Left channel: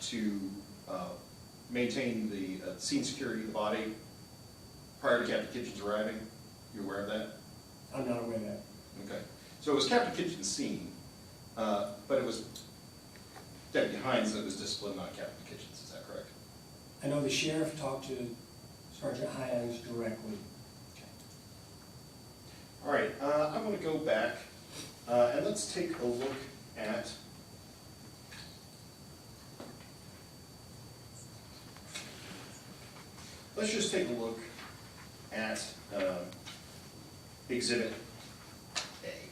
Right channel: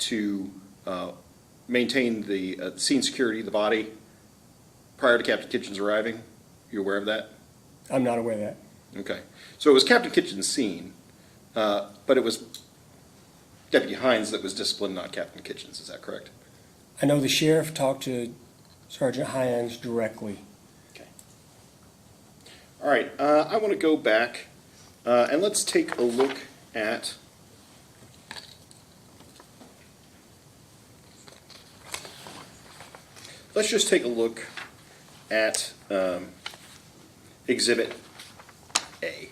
to maintain the scene security of the body prior to Captain Kitchen's arriving? You aware of that? I'm not aware of that. Okay. So it was Captain Kitchen's scene, but it was Deputy Heyungs that was disciplined, not Captain Kitchen's. Is that correct? I know the sheriff talked to Sgt Heyungs directly. Okay. All right. I want to go back and let's take a look at let's just take a look at Exhibit A.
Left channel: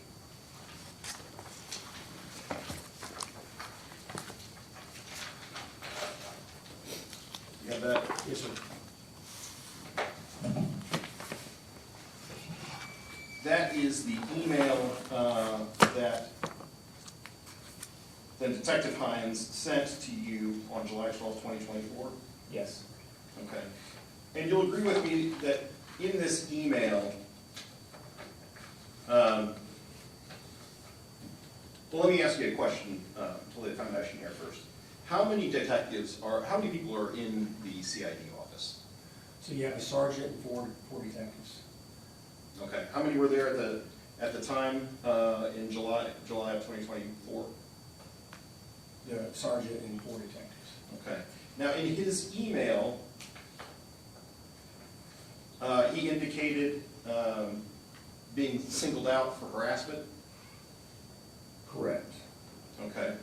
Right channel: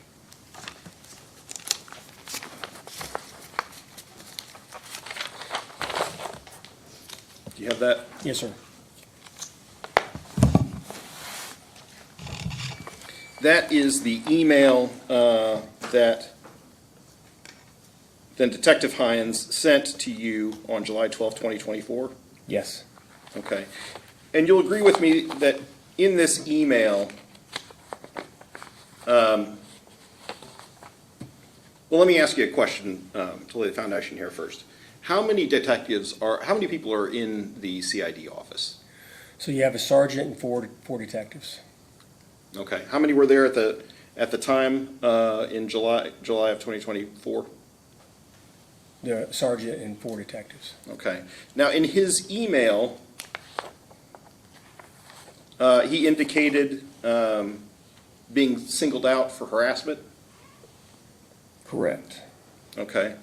Do you have that? Yes, sir. That is the email that then Detective Heyungs sent to you on July 12, 2024? Yes. Okay. And you'll agree with me that in this email, well, let me ask you a question to lay the foundation here first. How many people are in the CID office? So you have a sergeant and four detectives. Okay. How many were there at the time in July of 2024? The sergeant and four detectives. Okay. Now, in his email, he indicated being singled out for harassment. Correct. Okay.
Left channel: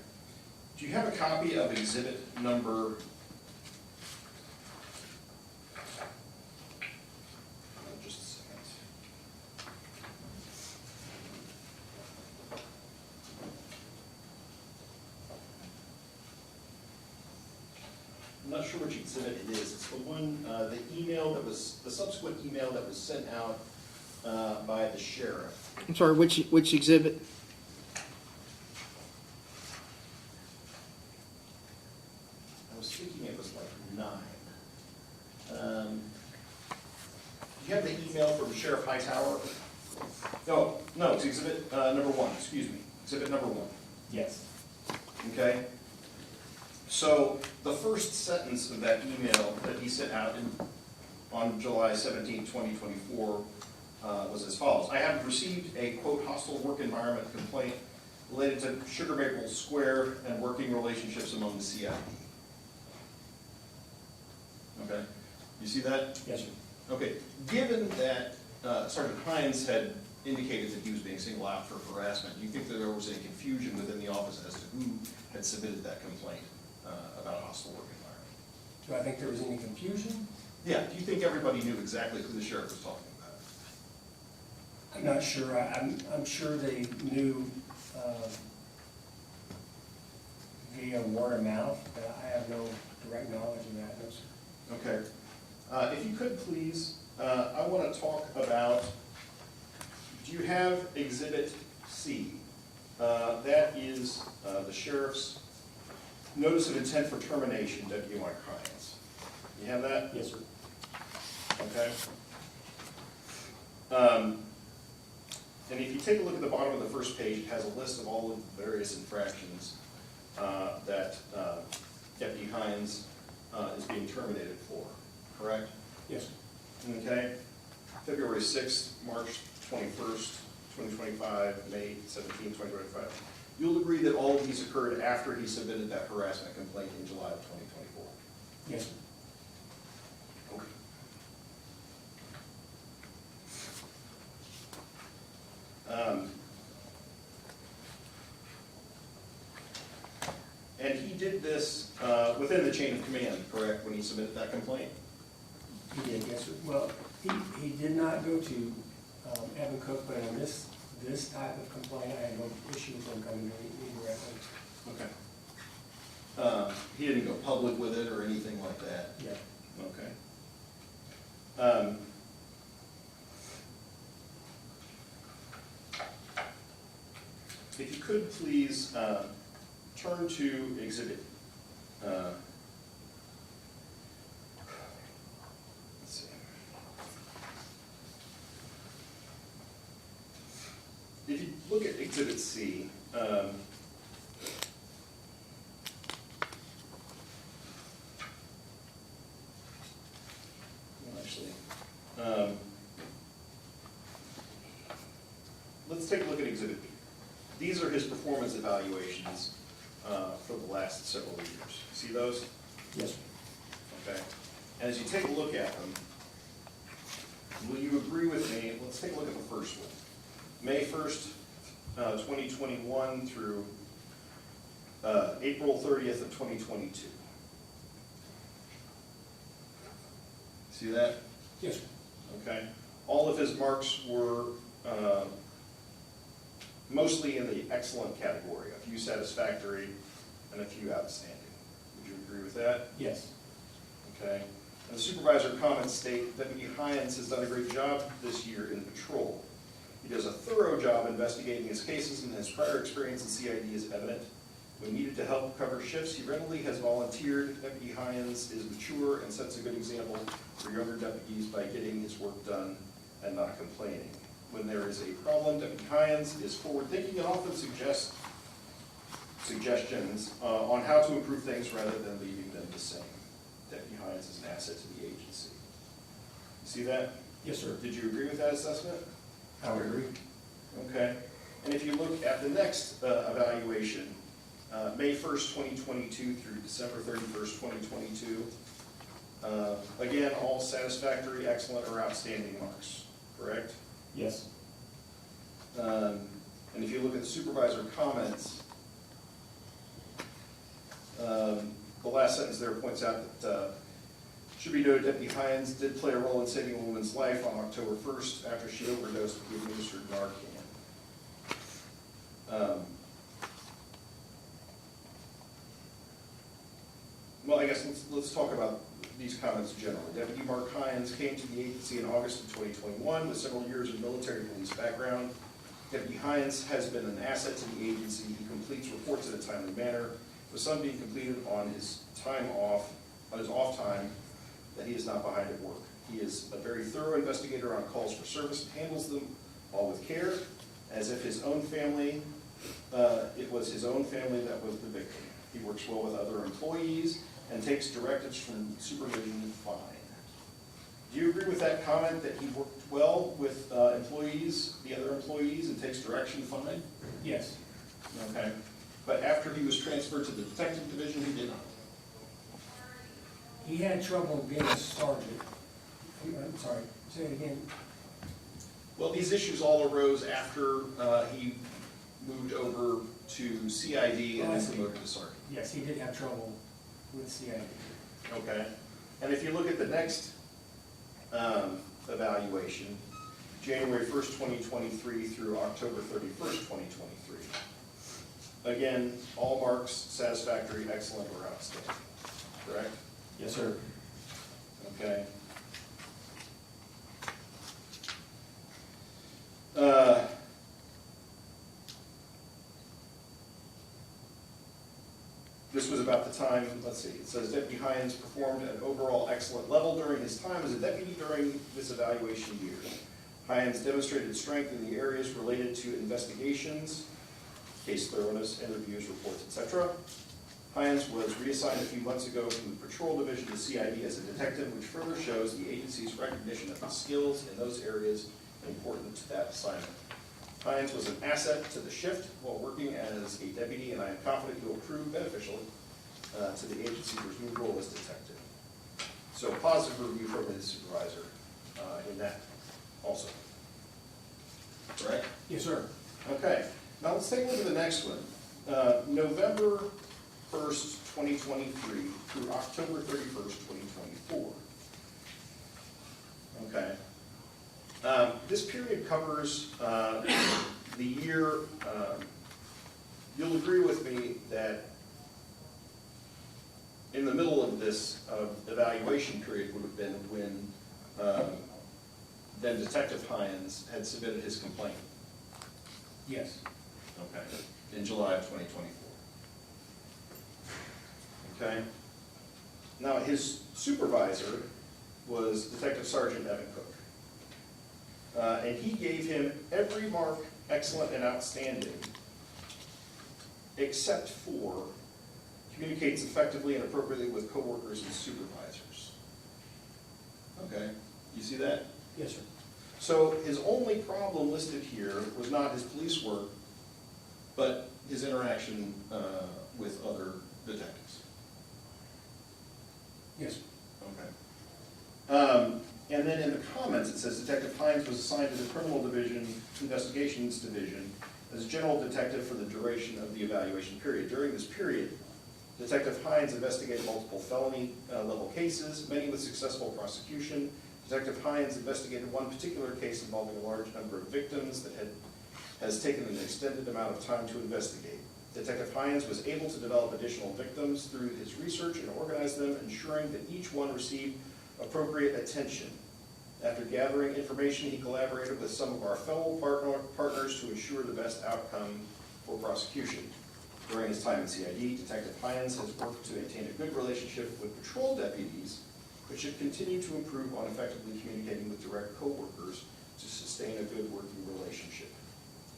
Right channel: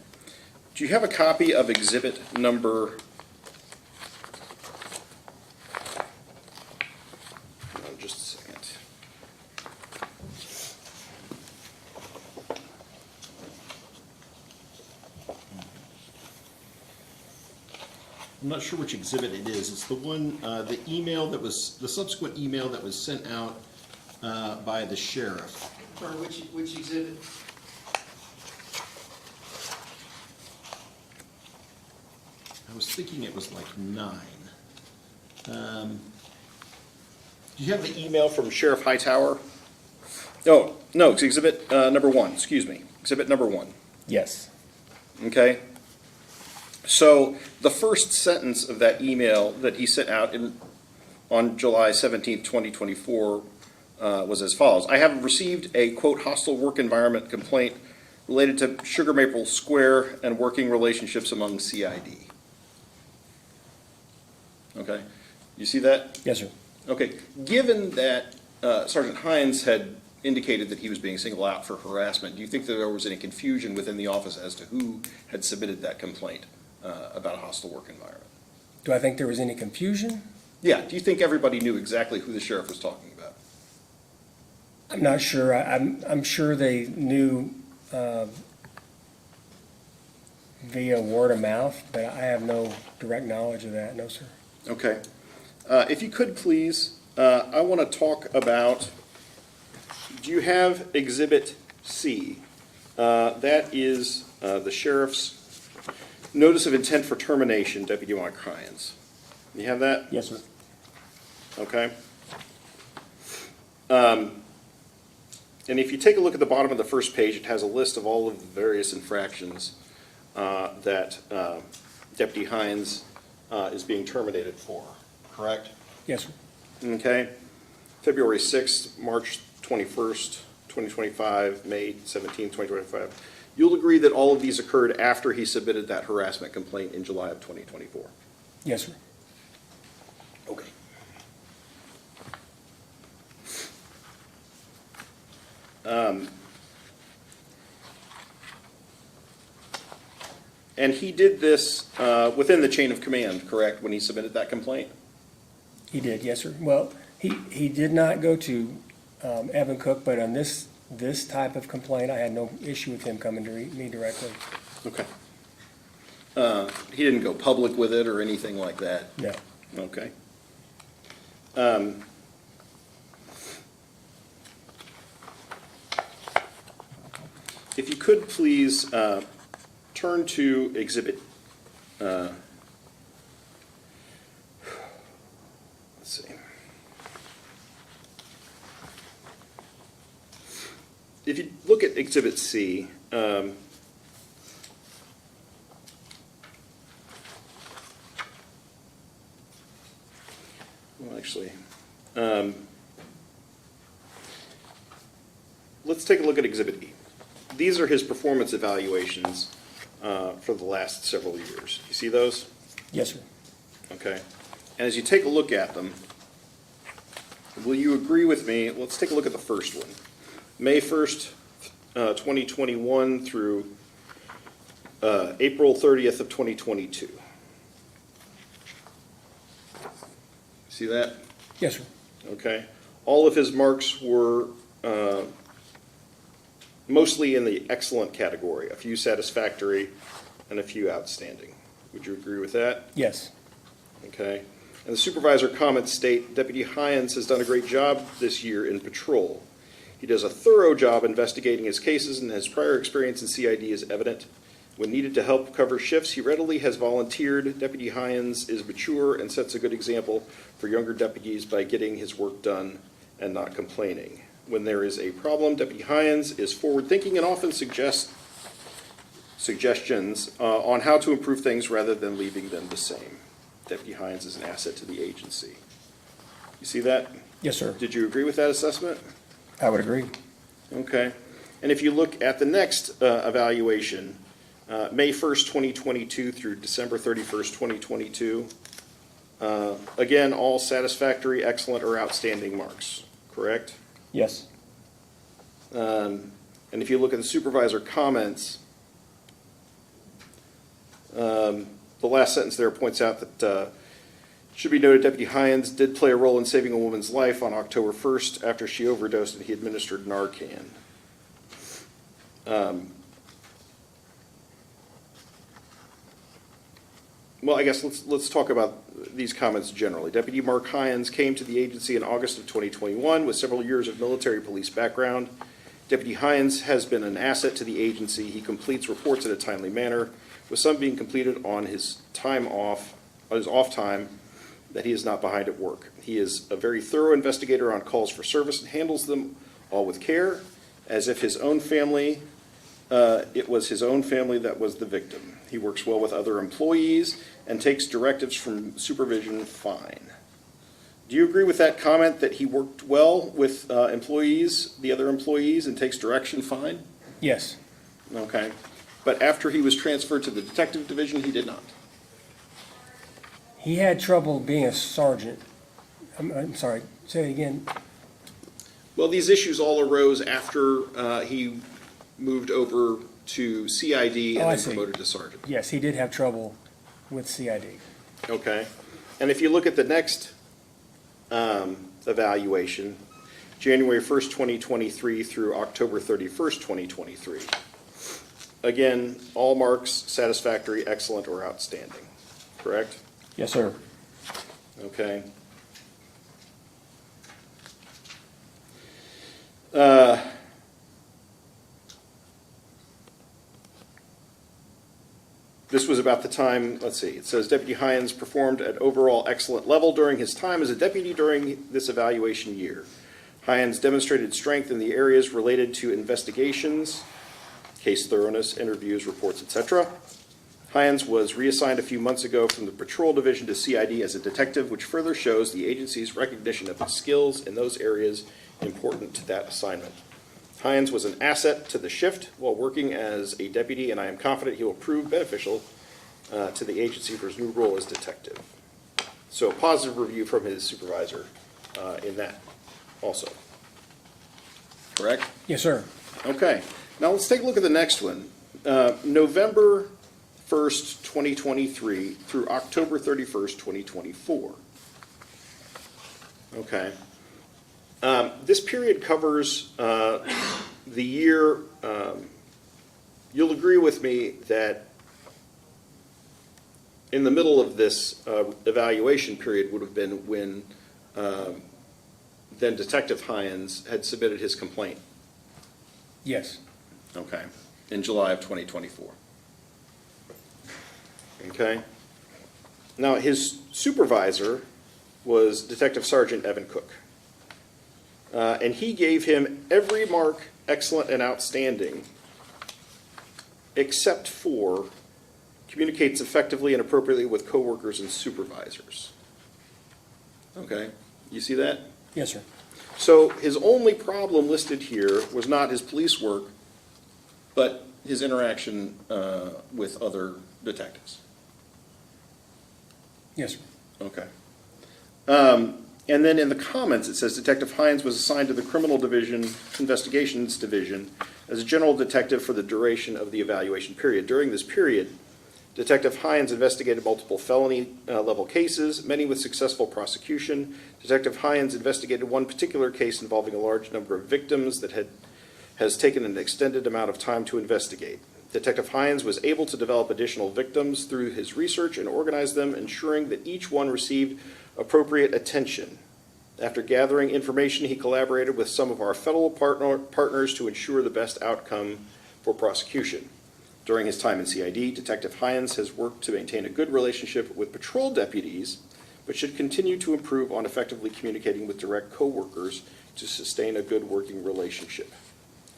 Do you have a copy of exhibit number? Just a second. I'm not sure which exhibit it is. It's the one, the email that was, the subsequent email that was sent out by the sheriff. I'm sorry, which exhibit? I was thinking it was like 9. Do you have the email from Sheriff Hightower? No, it's exhibit number 1, excuse me. Exhibit number 1. Yes. Okay? So the first sentence of that email that he sent out on July 17, 2024 was as follows. I have received a, quote, hostile work environment complaint related to Sugar Maple Square and working relationships among CID. Okay? You see that? Yes, sir. Okay. Given that Sergeant Heyungs had indicated that he was being singled out for harassment, do you think that there was any confusion within the office as to who had submitted that complaint about a hostile work environment? Do I think there was any confusion? Yeah. Do you think everybody knew exactly who the sheriff was talking about? I'm not sure. I'm sure they knew via word of mouth, but I have no direct knowledge of that. No, sir. Okay. If you could please, I want to talk about, do you have Exhibit C? That is the sheriff's notice of intent for termination, Deputy Mark Heyungs. You have that? Yes, sir. Okay. And if you take a look at the bottom of the first page, it has a list of all of the various infractions that Deputy Heyungs is being terminated for, correct? Yes, sir. Okay. February 6th, March 21st, 2025, May 17th, 2025. You'll agree that all of these occurred after he submitted that harassment complaint in July of 2024? Yes, sir. Okay. And he did this within the chain of command, correct, when he submitted that complaint? He did. Yes, sir. Well, he did not go to Evan Cook, but on this type of complaint, I had no issue with him coming to me directly. Okay. He didn't go public with it or anything like that? No. Okay. If you could please turn to Exhibit, let's see. If you look at Exhibit C, actually. Let's take a look at Exhibit E. These are his performance evaluations for the last several years. You see those? Yes, sir. Okay. And as you take a look at them, will you agree with me? Let's take a look at the first one. May 1st, 2021 through April 30th of 2022. See that? Yes, sir. Okay. All of his marks were mostly in the excellent category, a few satisfactory and a few outstanding. Would you agree with that? Yes. Okay. And the supervisor comments state, Deputy Heyungs has done a great job this year in patrol. He does a thorough job investigating his cases, and his prior experience in CID is evident. When needed to help cover shifts, he readily has volunteered. Deputy Heyungs is mature and sets a good example for younger deputies by getting his work done and not complaining. When there is a problem, Deputy Heyungs is forward-thinking and often suggests suggestions on how to improve things rather than leaving them the same. Deputy Heyungs is an asset to the agency. You see that? Yes, sir. Did you agree with that assessment? I would agree. Okay. And if you look at the next evaluation, May 1st, 2022 through December 31st, 2022, again, all satisfactory, excellent, or outstanding marks, correct? Yes. And if you look at the supervisor comments, the last sentence there points out that should be noted Deputy Heyungs did play a role in saving a woman's life on October 1st after she overdosed and he administered Narcan. Well, I guess let's talk about these comments generally. Deputy Mark Heyungs came to the agency in August of 2021 with several years of military police background. Deputy Heyungs has been an asset to the agency. He completes reports in a timely manner, with some being completed on his off time that he is not behind at work. He is a very thorough investigator on calls for service and handles them all with care, as if his own family, it was his own family that was the victim. He works well with other employees and takes directives from supervision fine. Do you agree with that comment that he worked well with the other employees, and takes direction fine? Yes. Okay. But after he was transferred to the detective division, he did not. He had trouble being a sergeant. I'm sorry, say it again. Well, these issues all arose after he moved over to CID Oh, I and then see. promoted to sergeant. Yes, he did have trouble with CID. Okay. And if you look at the next evaluation, January 1st, 2023 through October 31st, 2023. Again, all marks satisfactory, excellent, or outstanding, correct? Yes, sir. Okay. This was about the time, let's see, it says Deputy Heyungs performed at overall excellent level during his time as a deputy during this evaluation year. Heyungs demonstrated strength in the areas related to investigations, case thoroughness, interviews, reports, etc. Heyungs was reassigned a few months ago from the patrol division to CID as a detective, which further shows the agency's recognition of his skills in those areas important to that assignment. Heyungs was an asset to the shift while working as a deputy, and I am confident he will prove beneficial to the agency for his new role as detective. So a positive review from his supervisor in that also. Correct? Yes, sir. Okay. Now let's take a look at the next one. November 1st, 2023 through October 31st, 2024. Okay. This period covers the year, you'll agree with me that in the middle of this evaluation period would have been when then Detective Heyungs had submitted his complaint. Yes. Okay. In July of 2024. Okay. Now his supervisor was Detective Sergeant Evan Cook. And he gave him every mark excellent and outstanding, except for communicates effectively and appropriately with coworkers and supervisors. Okay? You see that? Yes, sir. So his only problem listed here was not his police work, but his interaction with other detectives. Yes, sir. Okay. And then in the comments, it says Detective Heyungs was assigned to the Criminal Division, Investigations Division, as a general detective for the duration of the evaluation period. During this period, Detective Heyungs investigated multiple felony level cases, many with successful prosecution. Detective Heyungs investigated one particular case involving a large number of victims that has taken an extended amount of time to investigate. Detective Heyungs was able to develop additional victims through his research and organize them, ensuring that each one received appropriate attention. After gathering information, he collaborated with some of our federal partners to ensure the best outcome for prosecution. During his time in CID, Detective Heyungs has worked to maintain a good relationship with patrol deputies, but should continue to improve on effectively communicating with direct co-workers to sustain a good working relationship.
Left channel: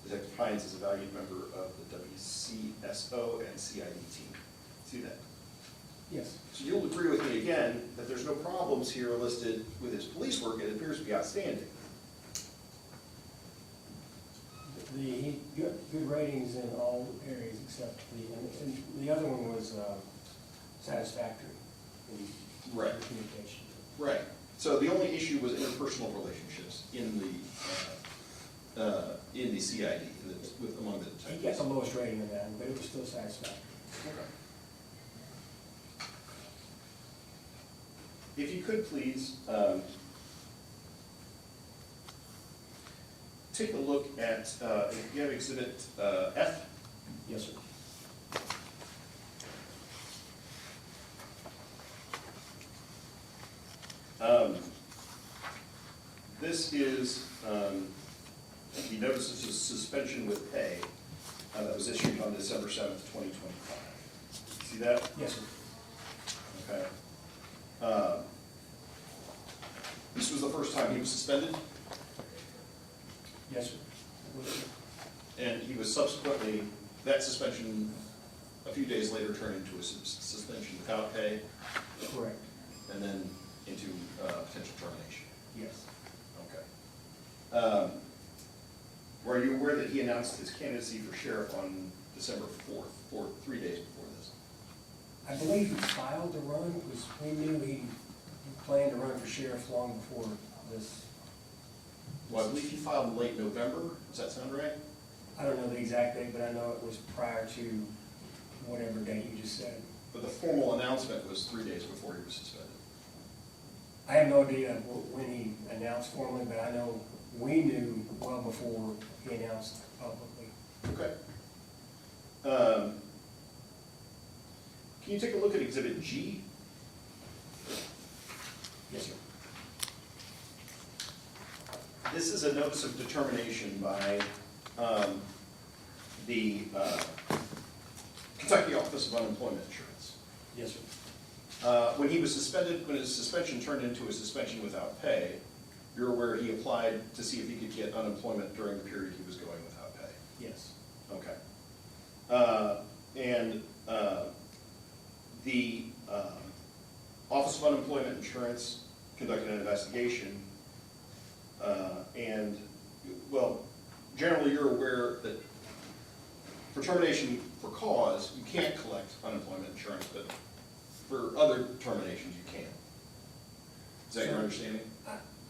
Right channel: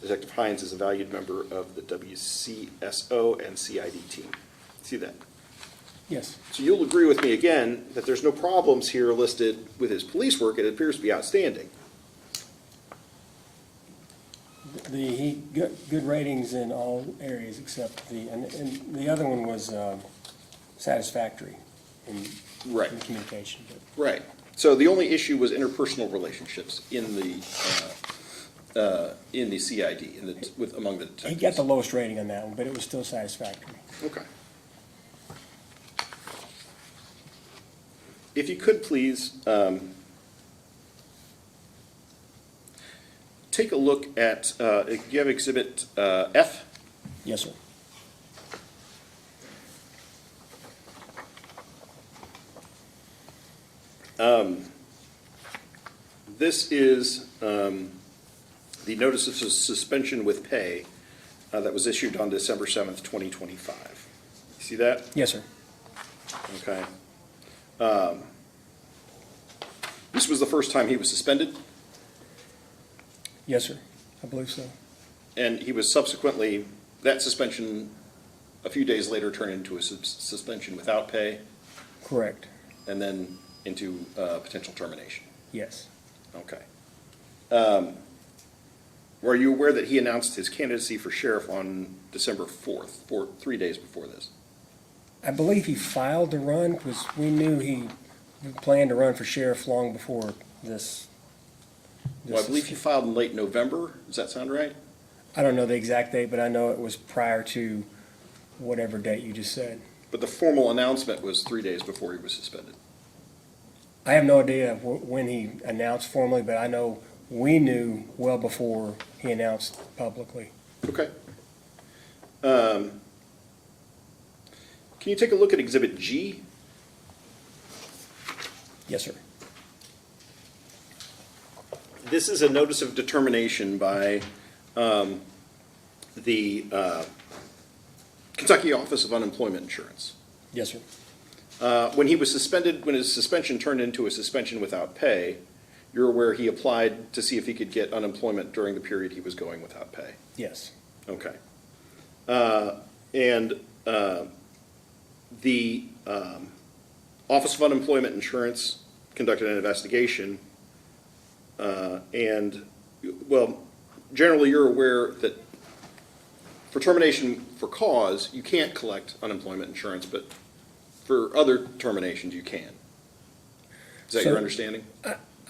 Detective Heyungs is a valued member of the WCSO and CID team. See that? Yes. So you'll agree with me again that there's no problems here listed with his police work. It appears to be outstanding. He got good ratings in all areas except and the other one was satisfactory in Right. the communication. Right. So the only issue was interpersonal relationships in the CID, among the He detectives. got the lowest rating on that one, but it was still satisfactory. Okay. If you could please, take a look at, you have Exhibit F? Yes, sir. This is the notice of suspension with pay that was issued on December 7th, 2025. See that? Yes, sir. Okay. This was the first time he was suspended, Yes, sir. I believe so. and he was subsequently, that suspension, a few days later turned into a suspension without pay, Correct. and then into potential termination. Yes. Okay. Were you aware that he announced his candidacy for sheriff on December 4th, 3 days before this? I believe he filed to run because we knew he planned to run for sheriff long before this. Well, I believe he filed in late November. Does that sound right? I don't know the exact date, but I know it was prior to whatever date you just said. But the formal announcement was 3 days before he was suspended. I have no idea when he announced formally, but I know we knew well before he announced publicly. Okay. Can you take a look at Exhibit G? Yes, sir. This is a notice of determination by the Kentucky Office of Unemployment Insurance. Yes, sir. When he was suspended, when his suspension turned into a suspension without pay, you're aware he applied to see if he could get unemployment during the period he was going without pay. Yes. Okay. The Office of Unemployment Insurance conducted an investigation, and, well, generally you're aware that for termination for cause, you can't collect unemployment insurance, but for other terminations, you can. Is that your So- understanding?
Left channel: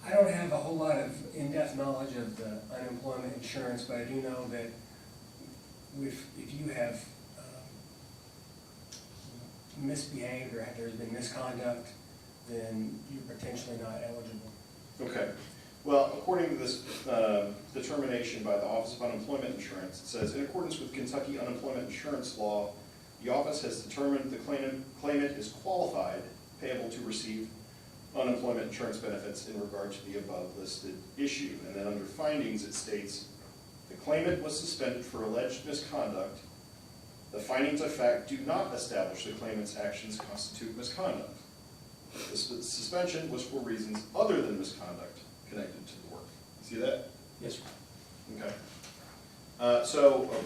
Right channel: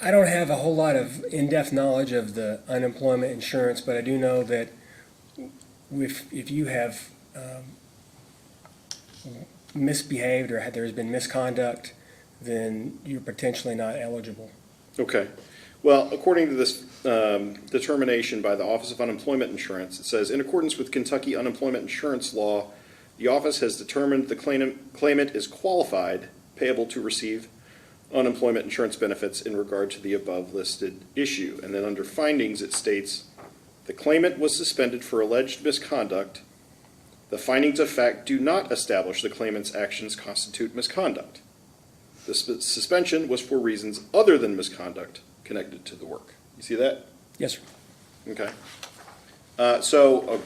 I don't have a whole lot of in-depth knowledge of the unemployment insurance, but I do know that if you have misbehaved or there's been misconduct, then you're potentially not eligible. Okay. Well, according to this determination by the Office of Unemployment Insurance, it says, in accordance with Kentucky unemployment insurance law, the office has determined the claimant is qualified, payable to receive unemployment insurance benefits in regard to the above listed issue. And then under findings, it states, the claimant was suspended for alleged misconduct. The findings of fact do not establish the claimant's actions constitute misconduct. The suspension was for reasons other than misconduct connected to the work. You see that? Yes, sir. Okay. So an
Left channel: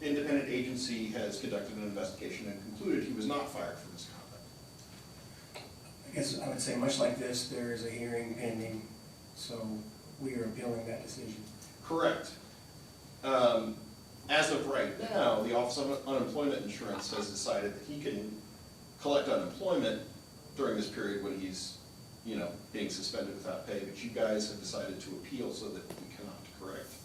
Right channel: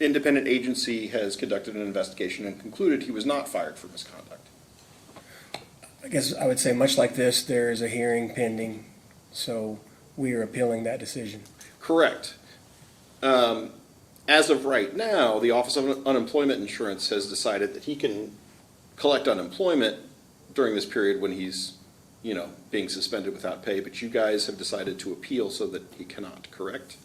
independent agency has conducted an investigation and concluded he was not fired for misconduct. guess I would say much like this, there is a hearing pending, so we are appealing that decision. Correct. As of right now, the Office of Unemployment Insurance has decided that he can collect unemployment during this period when he's, being suspended without pay, but you guys have decided to appeal so that he cannot, correct?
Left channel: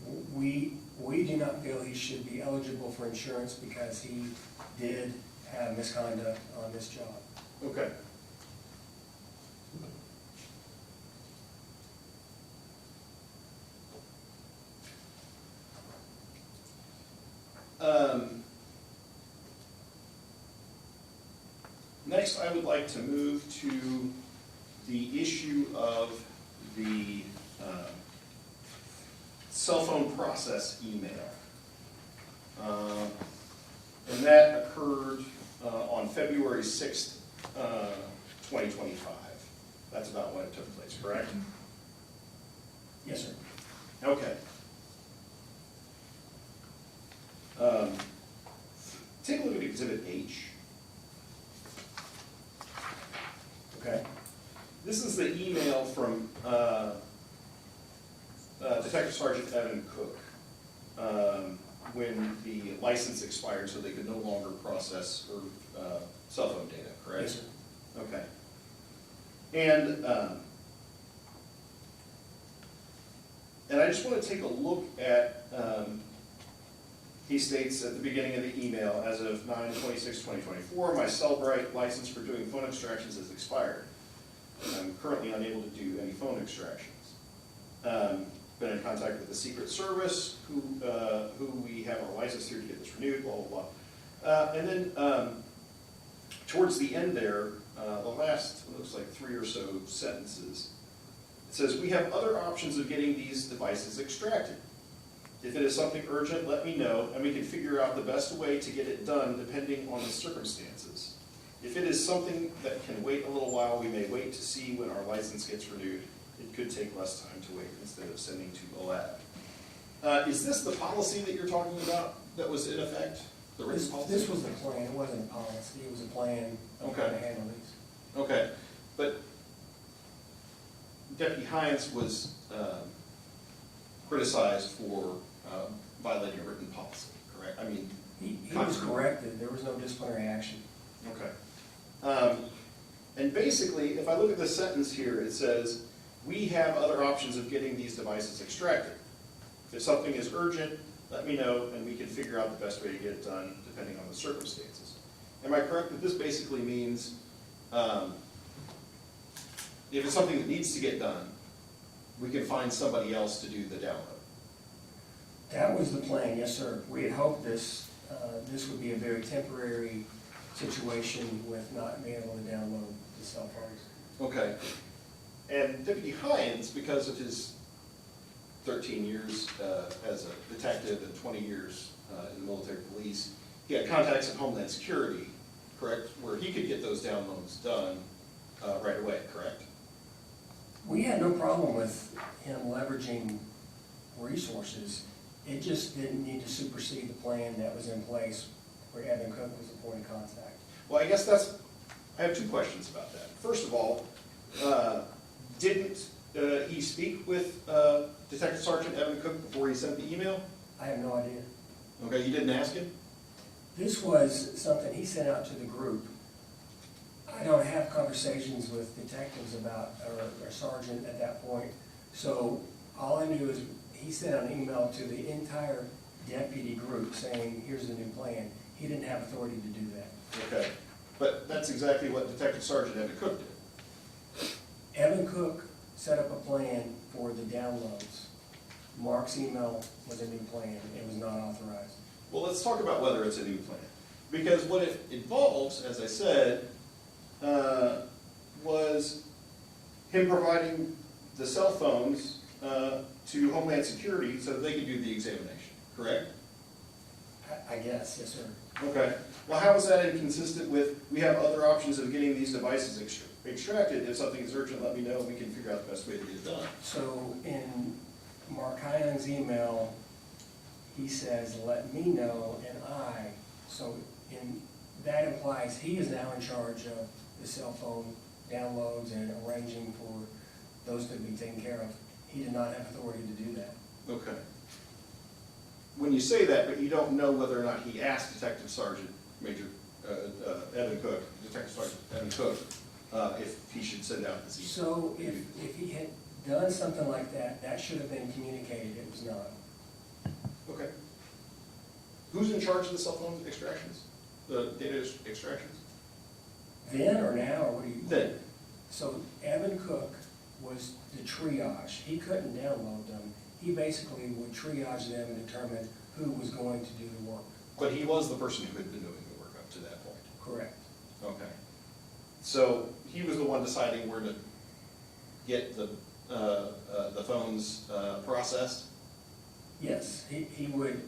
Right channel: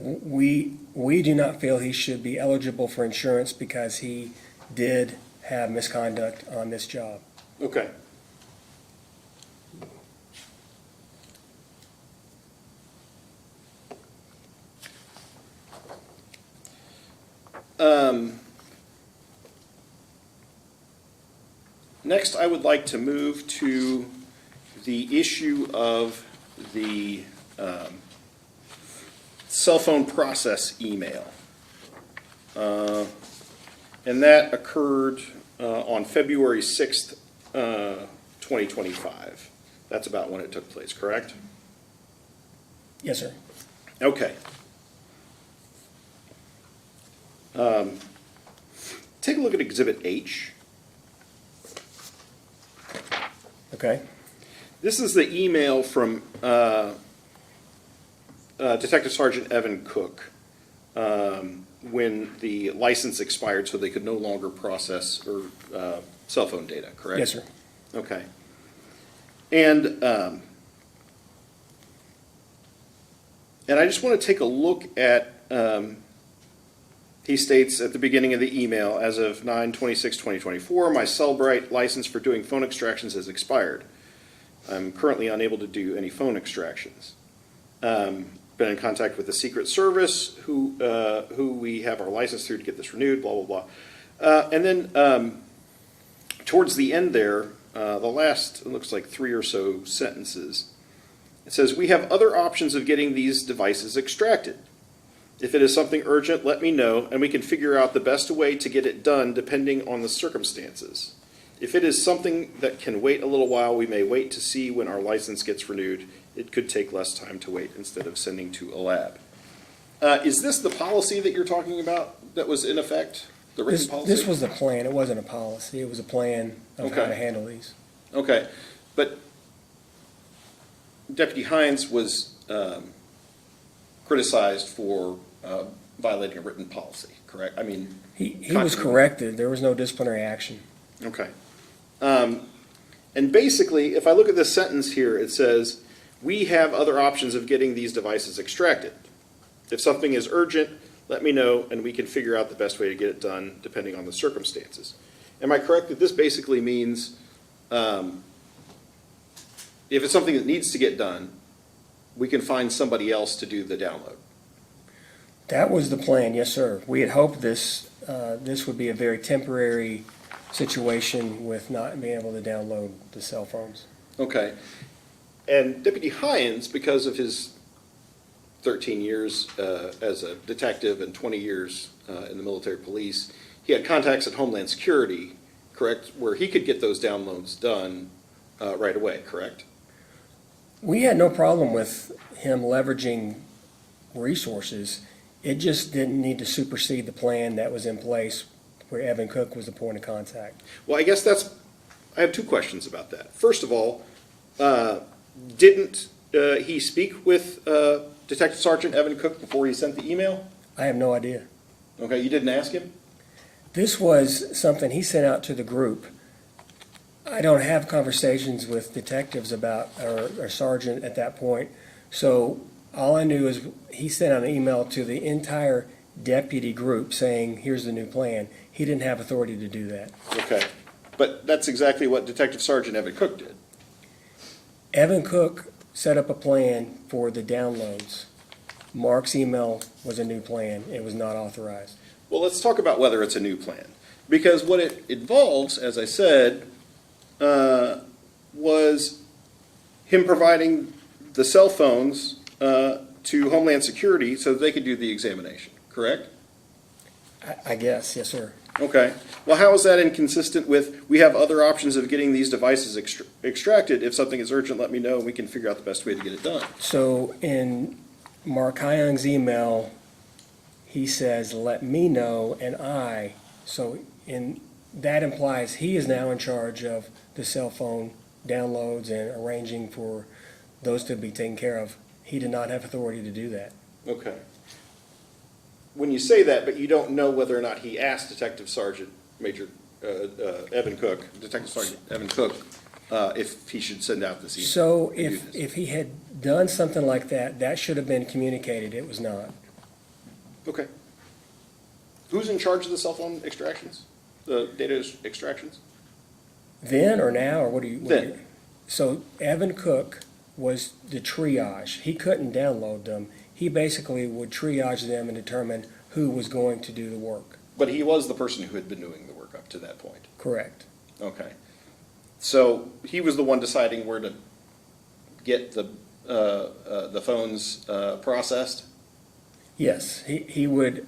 We do not feel he should be eligible for insurance because he did have misconduct on this job. Okay. Next, I would like to move to the issue of the cell phone process email. And that occurred on February 6th, 2025. That's about when it took place, correct? Yes, sir. Okay. Take a look at Exhibit H. Okay. This is the email from Detective Sergeant Evan Cook when the license expired so they could no longer process or cell phone data, correct? Yes, sir. Okay. And I just want to take a look at, he states at the beginning of the email, as of 9/26/2024, my Cellbrite license for doing phone extractions has expired. I'm currently unable to do any phone extractions. Been in contact with the Secret Service, who we have our license through to get this renewed, blah, blah, blah. And then towards the end there, the last, it looks like 3 or so sentences, it says, we have other options of getting these devices extracted. If it is something urgent, let me know, and we can figure out the best way to get it done depending on the circumstances. If it is something that can wait a little while, we may wait to see when our license gets renewed. It could take less time to wait instead of sending to a lab. Is this the policy that you're talking about that was in effect, the written policy? This was the plan. It wasn't a policy. It was a plan of how Okay. to handle these. Okay, but Deputy Heyungs was criticized for violating a written policy, correct? I mean, He was corrected. There was no disciplinary action. okay. And basically, if I look at this sentence here, it says, we have other options of getting these devices extracted. If something is urgent, let me know, and we can figure out the best way to get it done depending on the circumstances. Am I correct that this basically means if it's something that needs to get done, we can find somebody else to do the download? That was the plan, yes, sir. We had hoped this would be a very temporary situation with not being able to download the cell phones. Okay. And Deputy Heyungs, because of his 13 years as a detective and 20 years in the military police, he had contacts at Homeland Security, correct, where he could get those downloads done right away, correct? We had no problem with him leveraging resources. It just didn't need to supersede the plan that was in place where Evan Cook was the point of contact. Well, I guess I have two questions about that. First of all, didn't he speak with Detective Sergeant Evan Cook before he sent the email? I have no idea. Okay, you didn't ask him? This was something he sent out to the group. I don't have conversations with detectives about, or sergeant at that point. So all I knew is he sent out an email to the entire deputy group saying, here's the new plan. He didn't have authority to do that. Okay, but that's exactly what Detective Sergeant Evan Cook did. Evan Cook set up a plan for the downloads. Mark's email was a new plan. It was not authorized. Well, let's talk about whether it's a new plan. Because what it involves, as I said, was him providing the cell phones to Homeland Security so that they could do the examination, correct? I guess, yes, sir. Okay. Well, how is that inconsistent with, we have other options of getting these devices extracted. If something is urgent, let me know, and we can figure out the best way to get it done. So in Mark Heyungs' email, he says, let me know, and that implies he is now in charge of the cell phone downloads and arranging for those to be taken care of. He did not have authority to do that. Okay. When you say that, but you don't know whether or not he asked Detective Sergeant Major Detective Sergeant Evan Cook, if he should send out this email. So to do this. if he had done something like that, that should have been communicated. It was not. Okay. Who's in charge of the cell phone extractions? The data extractions? Then or now, or what do you? Then. So Evan Cook was the triage. He couldn't download them. He basically would triage them and determine who was going to do the work. But he was the person who had been doing the work up to that point. Correct. Okay. So he was the one deciding where to get the phones processed? Yes, he would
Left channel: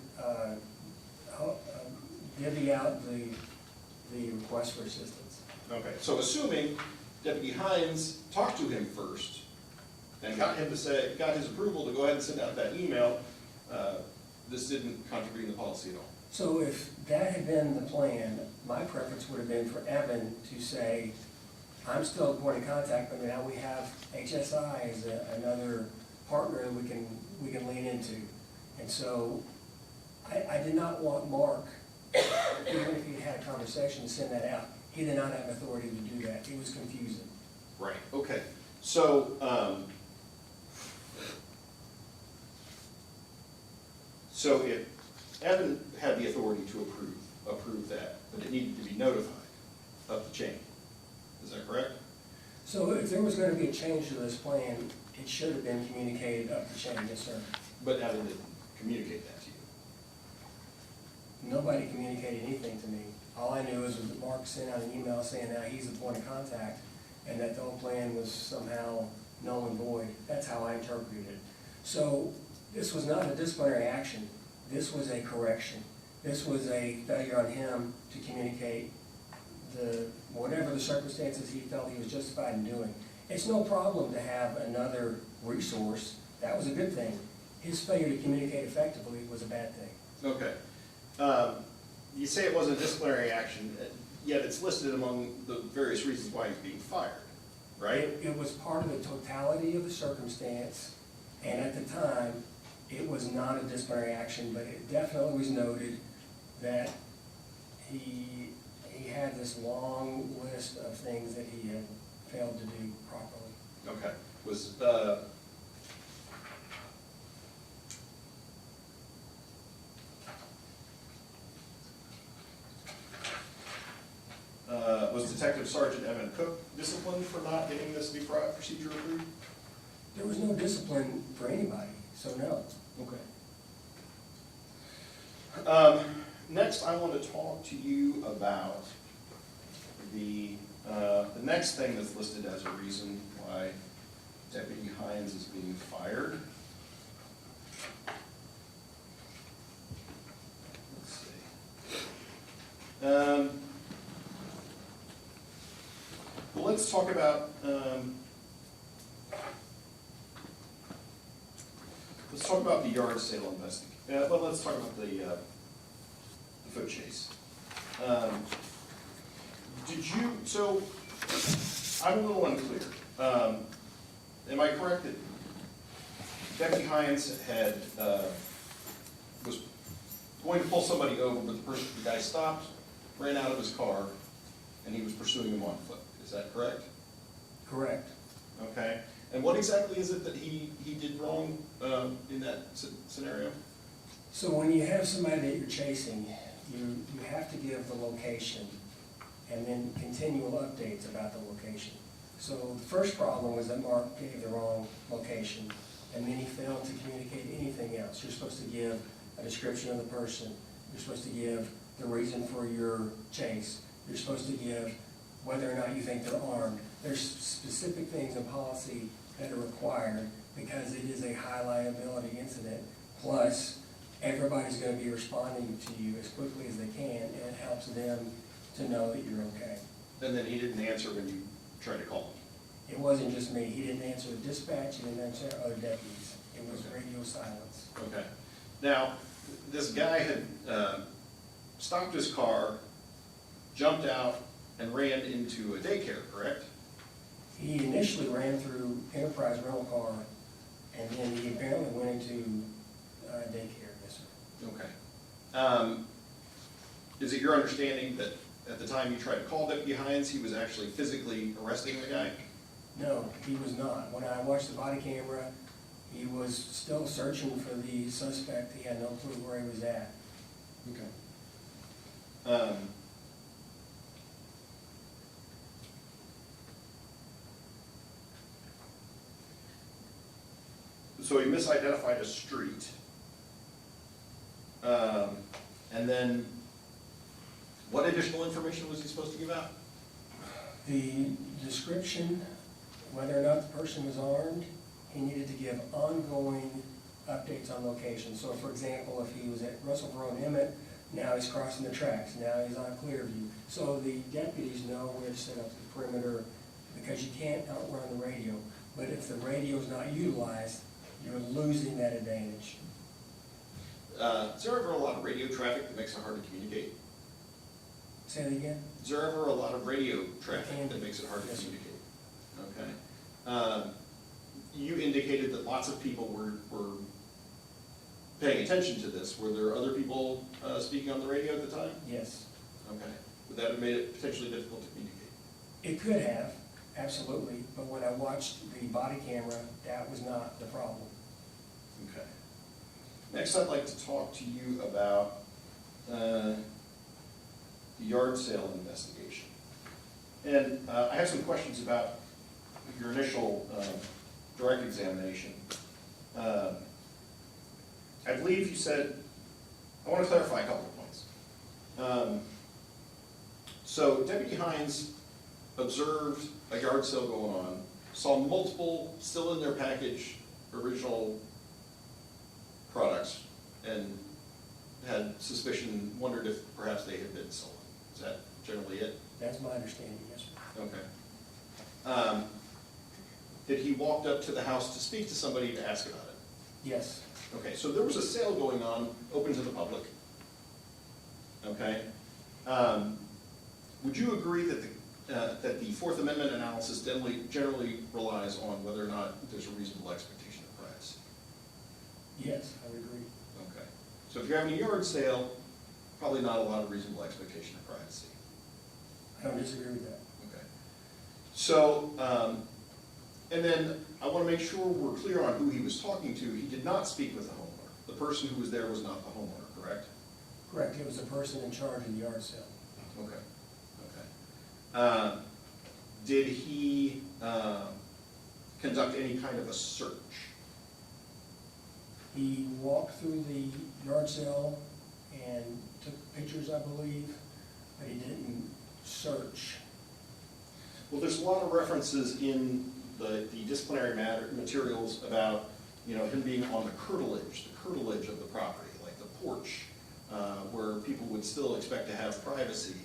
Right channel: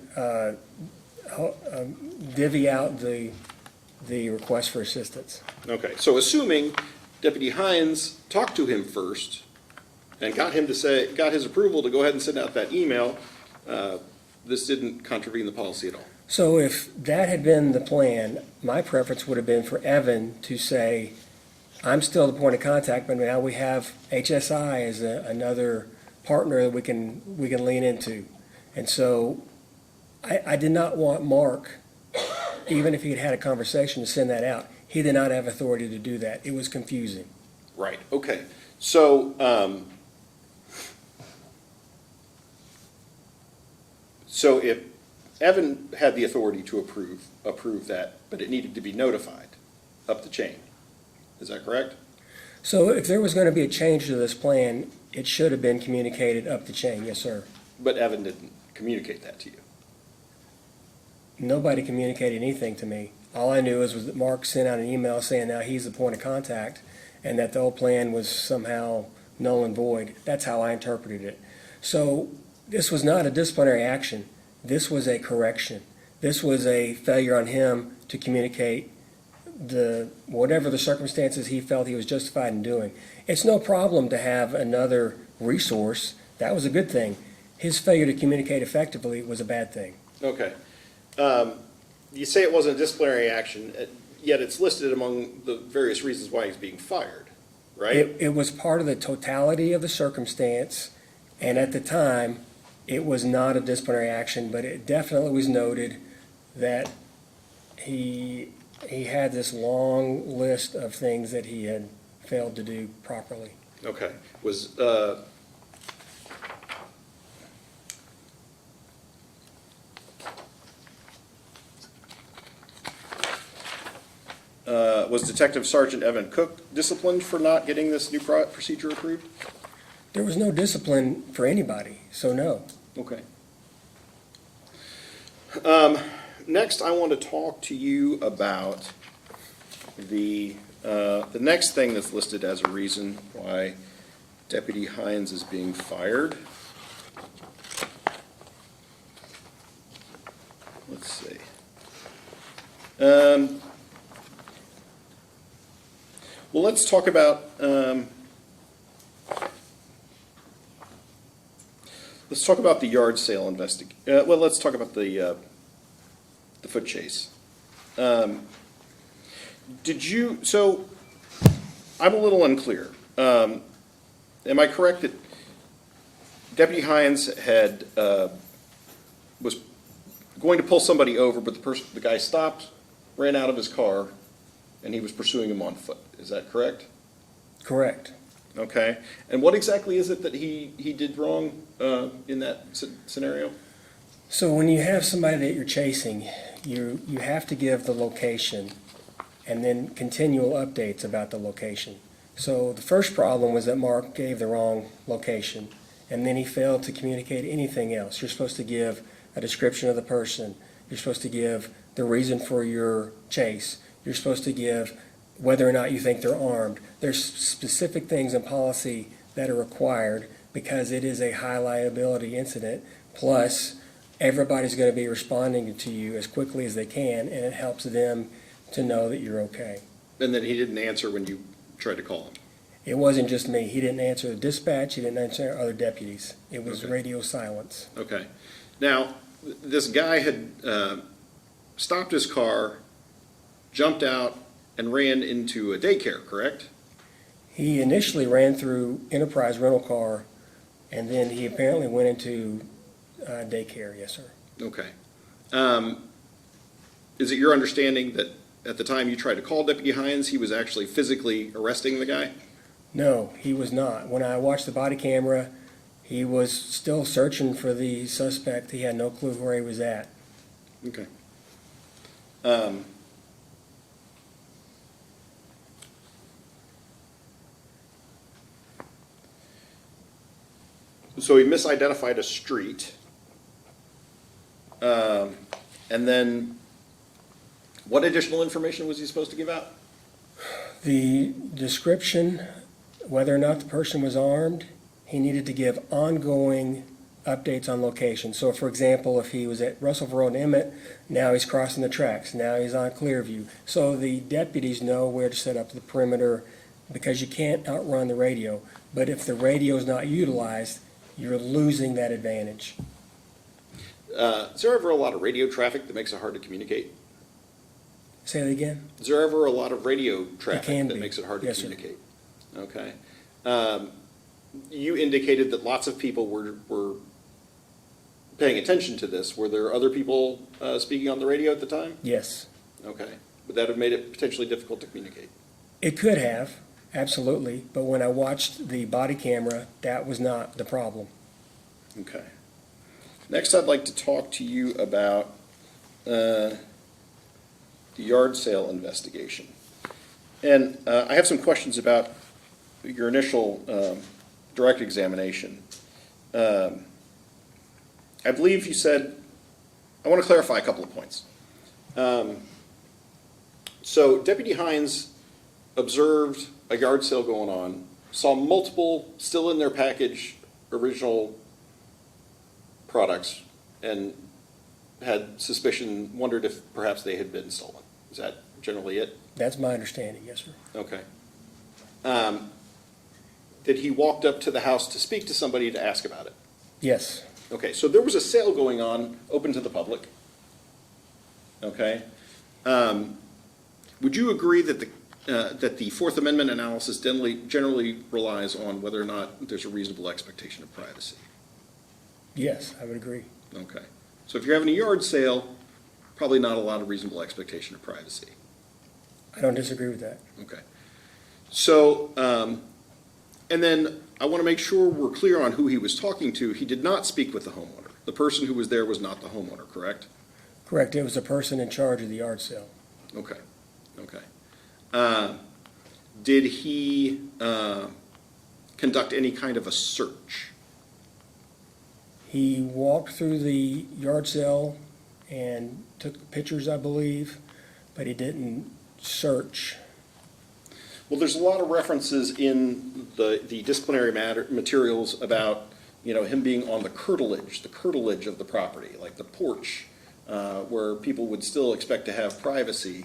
divvy out the request for assistance. Okay, so assuming Deputy Heyungs talked to him first and got his approval to go ahead and send out that email, this didn't contravene the policy at all. So if that had been the plan, my preference would have been for Evan to say, I'm still the point of contact, but now we have HSI as another partner that we can lean into. And so I did not want Mark, even if he had had a conversation, to send that out. He did not have authority to do that. It was confusing. Right, okay. So, so if Evan had the authority to approve that, but it needed to be notified up the chain, is that correct? So if there was going to be a change to this plan, it should have been communicated up the chain, yes, sir. But Evan didn't communicate that to you? Nobody communicated anything to me. All I knew was that Mark sent out an email saying now he's the point of contact and that the old plan was somehow null and void. That's how I interpreted it. So this was not a disciplinary action. This was a correction. This was a failure on him to communicate whatever the circumstances he felt he was justified in doing. It's no problem to have another resource. That was a good thing. His failure to communicate effectively was a bad thing. Okay. You say it wasn't a disciplinary action, yet it's listed among the various reasons why he's being fired, right? It was part of the totality of the circumstance, and at the time, it was not a disciplinary action, but it definitely was noted that he had this long list of things that he had failed to do properly. Okay. Was Detective Sergeant Evan Cook disciplined for not getting this new procedure approved? There was no discipline for anybody, so no. Okay. Next, I want to talk to you about the next thing that's listed as a reason why Deputy Heyungs is being fired. Let's see. Well, let's talk about the yard sale well, let's talk about the foot chase. So I'm a little unclear. Am I correct that Deputy Heyungs was going to pull somebody over, but the guy stopped, ran out of his car, and he was pursuing him on foot? Is that correct? Correct. Okay. And what exactly is it that he did wrong in that scenario? So when you have somebody that you're chasing, you have to give the location and then continual updates about the location. So the first problem was that Mark gave the wrong location, and then he failed to communicate anything else. You're supposed to give a description of the person. You're supposed to give the reason for your chase. You're supposed to give whether or not you think they're armed. There's specific things in policy that are required because it is a high liability incident. Plus, everybody's going to be responding to you as quickly as they can, and it helps them to know that you're okay. And then he didn't answer when you tried to call him? It wasn't just me. He didn't answer the dispatch. He didn't answer other deputies. It was Okay. radio silence. Okay. Now, this guy had stopped his car, jumped out, and ran into a daycare, correct? He initially ran through Enterprise Rental Car, and then he apparently went into daycare, yes, sir. Okay. Is it your understanding that at the time you tried to call Deputy Heyungs, he was actually physically arresting the guy? No, he was not. When I watched the body camera, he was still searching for the suspect. He had no clue where he was at. Okay. So he misidentified a street. And then what additional information was he supposed to give out? The description, whether or not the person was armed, he needed to give ongoing updates on location. So for example, if he was at Russellville Road and Emmett, now he's crossing the tracks, now he's on Clearview. So the deputies know where to set up the perimeter, because you can't outrun the radio. But if the radio is not utilized, you're losing that advantage. Is there ever a lot of radio traffic that makes it hard to communicate? Say that again? Is there ever a lot of radio can traffic that be. makes it hard to Yes, sir. communicate? Okay. You indicated that lots of people were paying attention to this. Were there other people speaking on the radio at the time? Yes. Okay. Would that have made it potentially difficult to communicate? It could have, absolutely, but when I watched the body camera, that was not the problem. Okay. Next, I'd like to talk to you about the yard sale investigation. And I have some questions about your initial direct examination. I believe you said, I want to clarify a couple of points. So Deputy Heyungs observed a yard sale going on, saw multiple still in their package original products, and had suspicion, wondered if perhaps they had been stolen. Is that generally it? That's my understanding, yes, sir. Okay. Did he walk up to the house to speak to somebody to ask about it? Yes, Okay, so there was a sale going on, open to the public. Okay. Would you agree that the Fourth Amendment analysis generally relies on whether or not there's a reasonable expectation of privacy? yes, I would agree. Okay. So if you're having a yard sale, probably not a lot of reasonable expectation of privacy. I don't disagree with that. Okay. So, and then I want to make sure we're clear on who he was talking to. He did not speak with the homeowner. The person who was there was not the homeowner, correct? Correct, it was a person in charge of the yard sale. Okay. Okay. Did he conduct any kind of a search? He walked through the yard sale and took pictures, I believe, but he didn't search. Well, there's a lot of references in the disciplinary materials about, him being on the curtilage of the property, like the porch, where people would still expect to have privacy.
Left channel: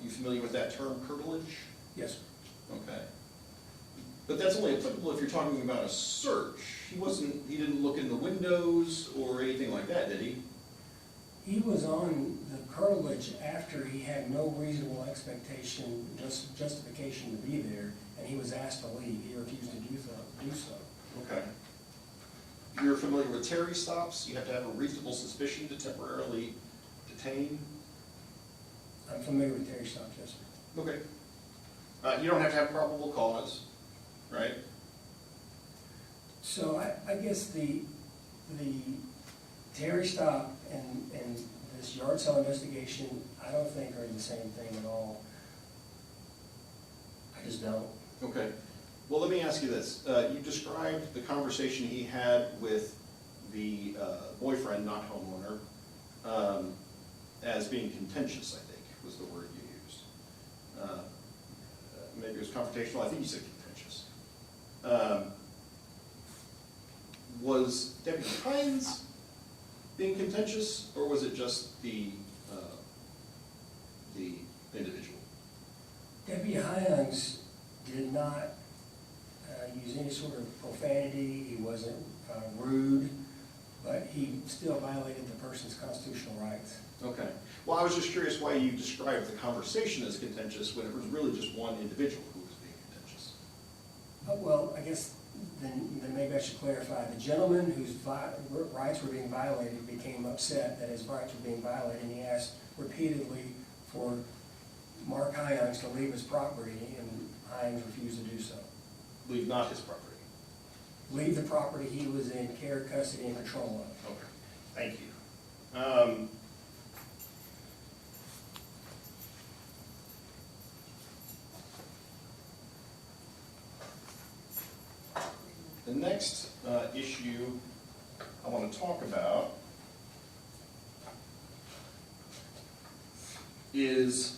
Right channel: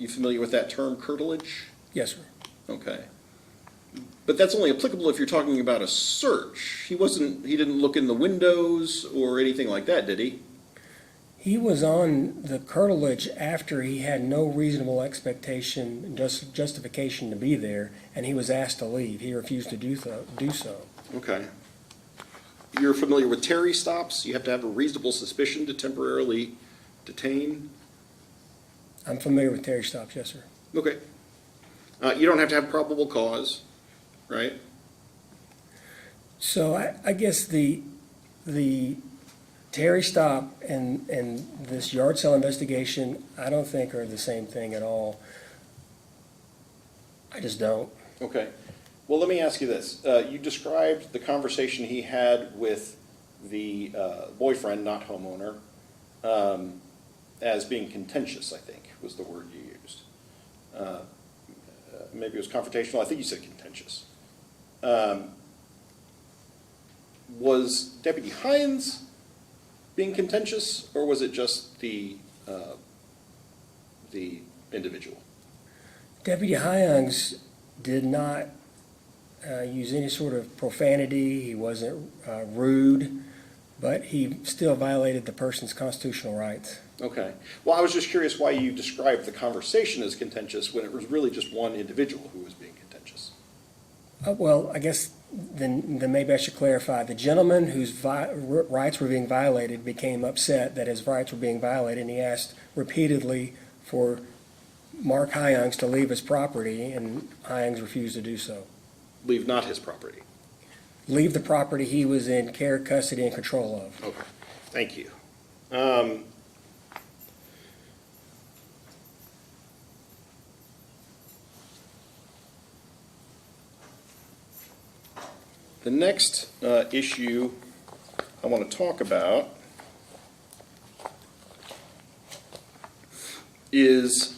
You familiar with that term, curtilage? Yes, sir. Okay. But that's only applicable if you're talking about a search. He didn't look in the windows or anything like that, did he? He was on the curtilage after he had no reasonable expectation, justification to be there, and he was asked to leave. He refused to do so. Okay. You're familiar with Terry stops? You have to have a reasonable suspicion to temporarily detain? I'm familiar with Terry stops, yes, sir. Okay. You don't have to have probable cause, right? So I guess the Terry stop and this yard sale investigation, I don't think are the same thing at all. I just don't. Okay. Well, let me ask you this. You described the conversation he had with the boyfriend, not homeowner, as being contentious, I think was the word you used. Maybe it was confrontational. I think you said contentious. Was Deputy Heyungs being contentious, or was it just the individual? Deputy Heyungs did not use any sort of profanity. He wasn't rude, but he still violated the person's constitutional rights. Okay. Well, I was just curious why you described the conversation as contentious when it was really just one individual who was being contentious. Well, I guess then maybe I should clarify. The gentleman whose rights were being violated became upset that his rights were being violated, and he asked repeatedly for Mark Heyungs to leave his property, and Heyungs refused to do so. Leave not his property. Leave the property he was in care, custody, and control of. Okay, thank you. The next issue I want to talk about is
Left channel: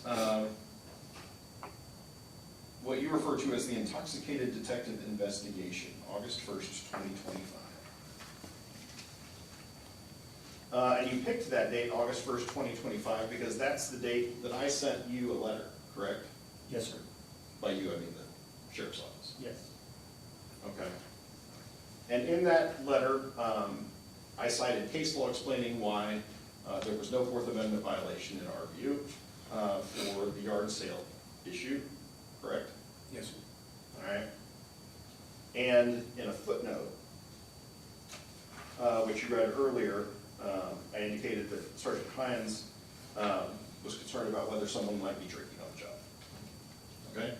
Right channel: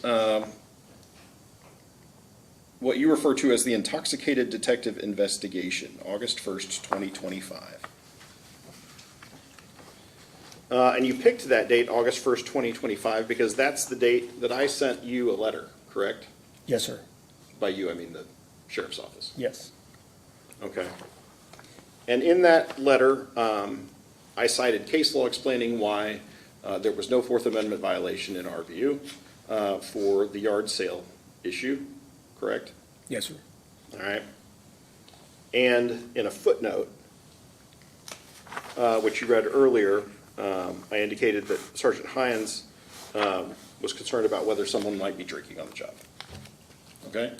what you refer to as the intoxicated detective investigation, August 1st, 2025. And you picked that date, August 1st, 2025, because that's the date that I sent you a letter, correct? Yes, sir. By you, I mean the sheriff's office. Yes. Okay. And in that letter, I cited case law explaining why there was no Fourth Amendment violation in our view for the yard sale issue, correct? Yes, sir. All right. And in a footnote, which you read earlier, I indicated that Sergeant Heyungs was concerned about whether someone might be drinking on the job. Okay?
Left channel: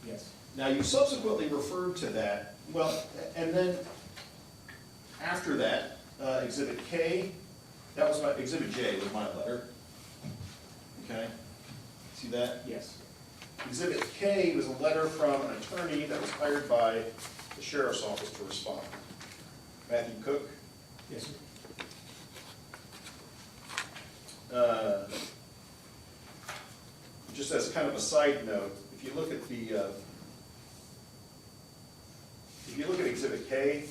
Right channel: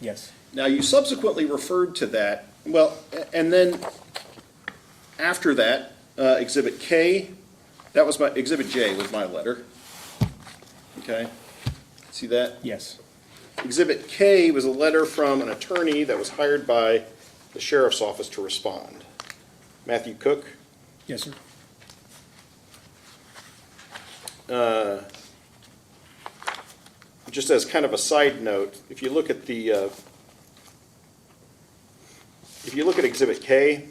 Yes. Now, you subsequently referred to that, well, and then after that, Exhibit K, that was my, Exhibit J was my letter. Okay? See that? Yes. Exhibit K was a letter from an attorney that was hired by the sheriff's office to respond. Matthew Cook. Yes, sir. Just as kind of a side note, if you look at the Exhibit K,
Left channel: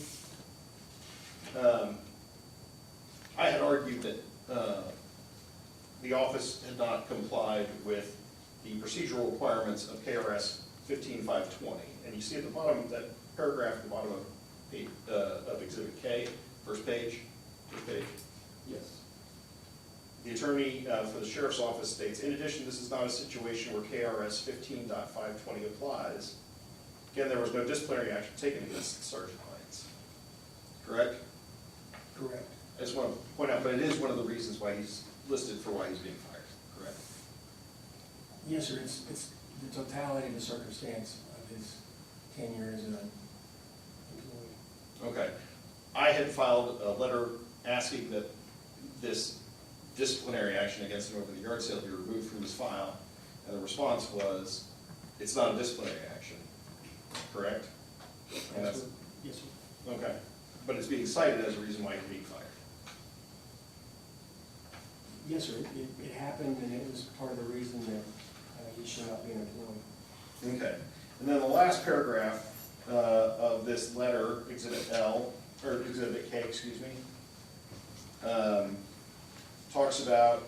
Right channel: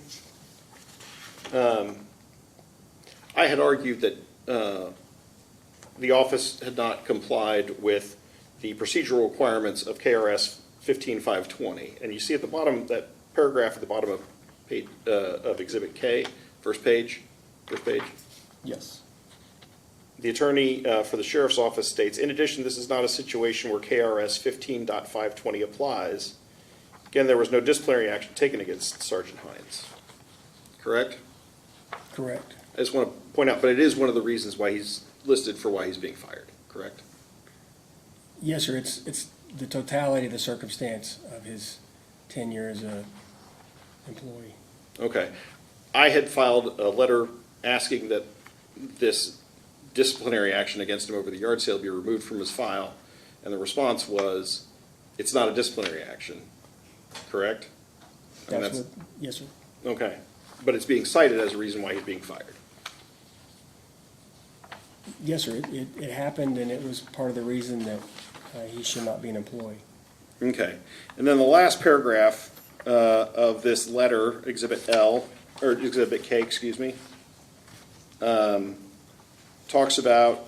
I had argued that the office had not complied with the procedural requirements of KRS 15520, and you see at the bottom, that paragraph at the bottom of page, of Exhibit K, first page. Yes. The attorney for the sheriff's office states, in addition, this is not a situation where KRS 15.520 applies. Again, there was no disciplinary action taken against Sergeant Heyungs. Correct? Correct. I just want to point out, but it is one of the reasons why he's listed for why he's being fired, correct? Yes, sir. It's the totality of the circumstance of his tenure as a employee. Okay. I had filed a letter asking that this disciplinary action against him over the yard sale be removed from his file, and the response was, it's not a disciplinary action, correct? And That's what, yes, sir. okay, but it's being cited as a reason why he's being fired. Yes, sir. It happened, and it was part of the reason that he should not be an employee. Okay, and then the last paragraph of this letter, Exhibit L, or Exhibit K, excuse me, talks about,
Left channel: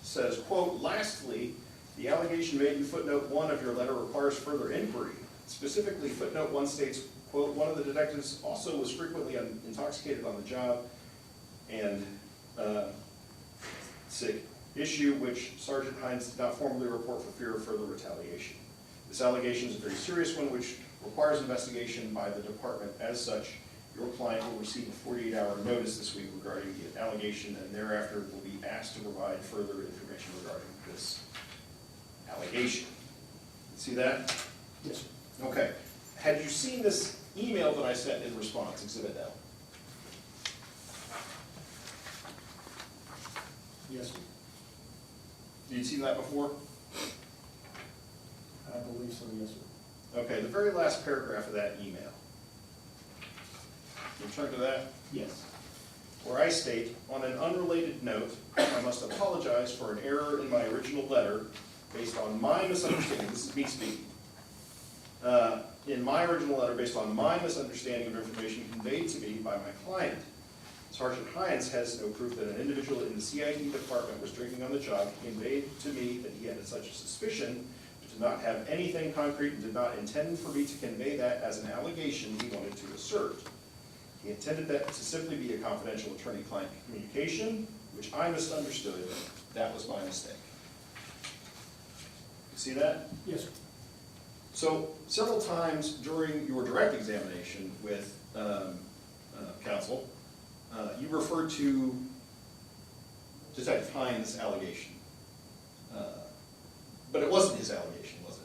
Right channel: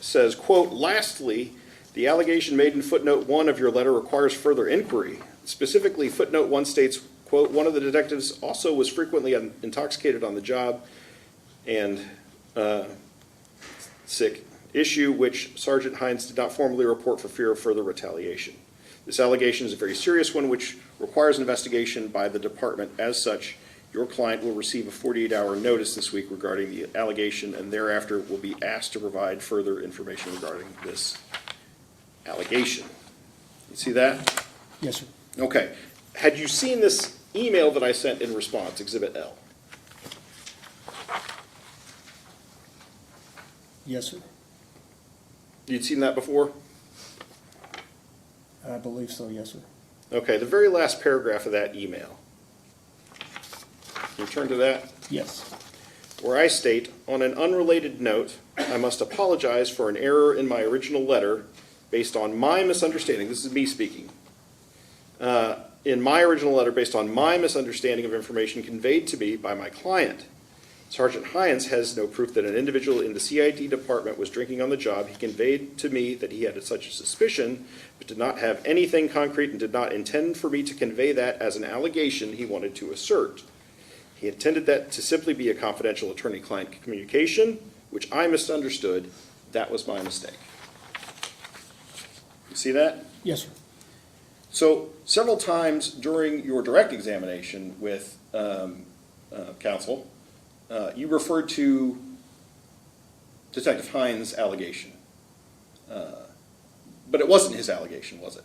says, quote, lastly, the allegation made in footnote 1 of your letter requires further inquiry. Specifically, footnote 1 states, quote, one of the detectives also was frequently intoxicated on the job, and sick, issue which Sergeant Heyungs did not formally report for fear of further retaliation. This allegation is a very serious one which requires investigation by the department. As such, your client will receive a 48-hour notice this week regarding the allegation, and thereafter will be asked to provide further information regarding this allegation. You see that? Yes, sir. Okay. Had you seen this email that I sent in response, Exhibit L? Yes, sir. You'd seen that before? I believe so, yes, sir. Okay, the very last paragraph of that email. Can you turn to that? Yes. Where I state, on an unrelated note, I must apologize for an error in my original letter based on my misunderstanding. This is me speaking. In my original letter, based on my misunderstanding of information conveyed to me by my client, Sergeant Heyungs has no proof that an individual in the CID department was drinking on the job. He conveyed to me that he had such a suspicion, but did not have anything concrete and did not intend for me to convey that as an allegation he wanted to assert. He intended that to simply be a confidential attorney-client communication, which I misunderstood. That was my mistake. You see that? Yes, sir. So several times during your direct examination with counsel, you referred to Detective Heyungs' allegation. But it wasn't his allegation, was it?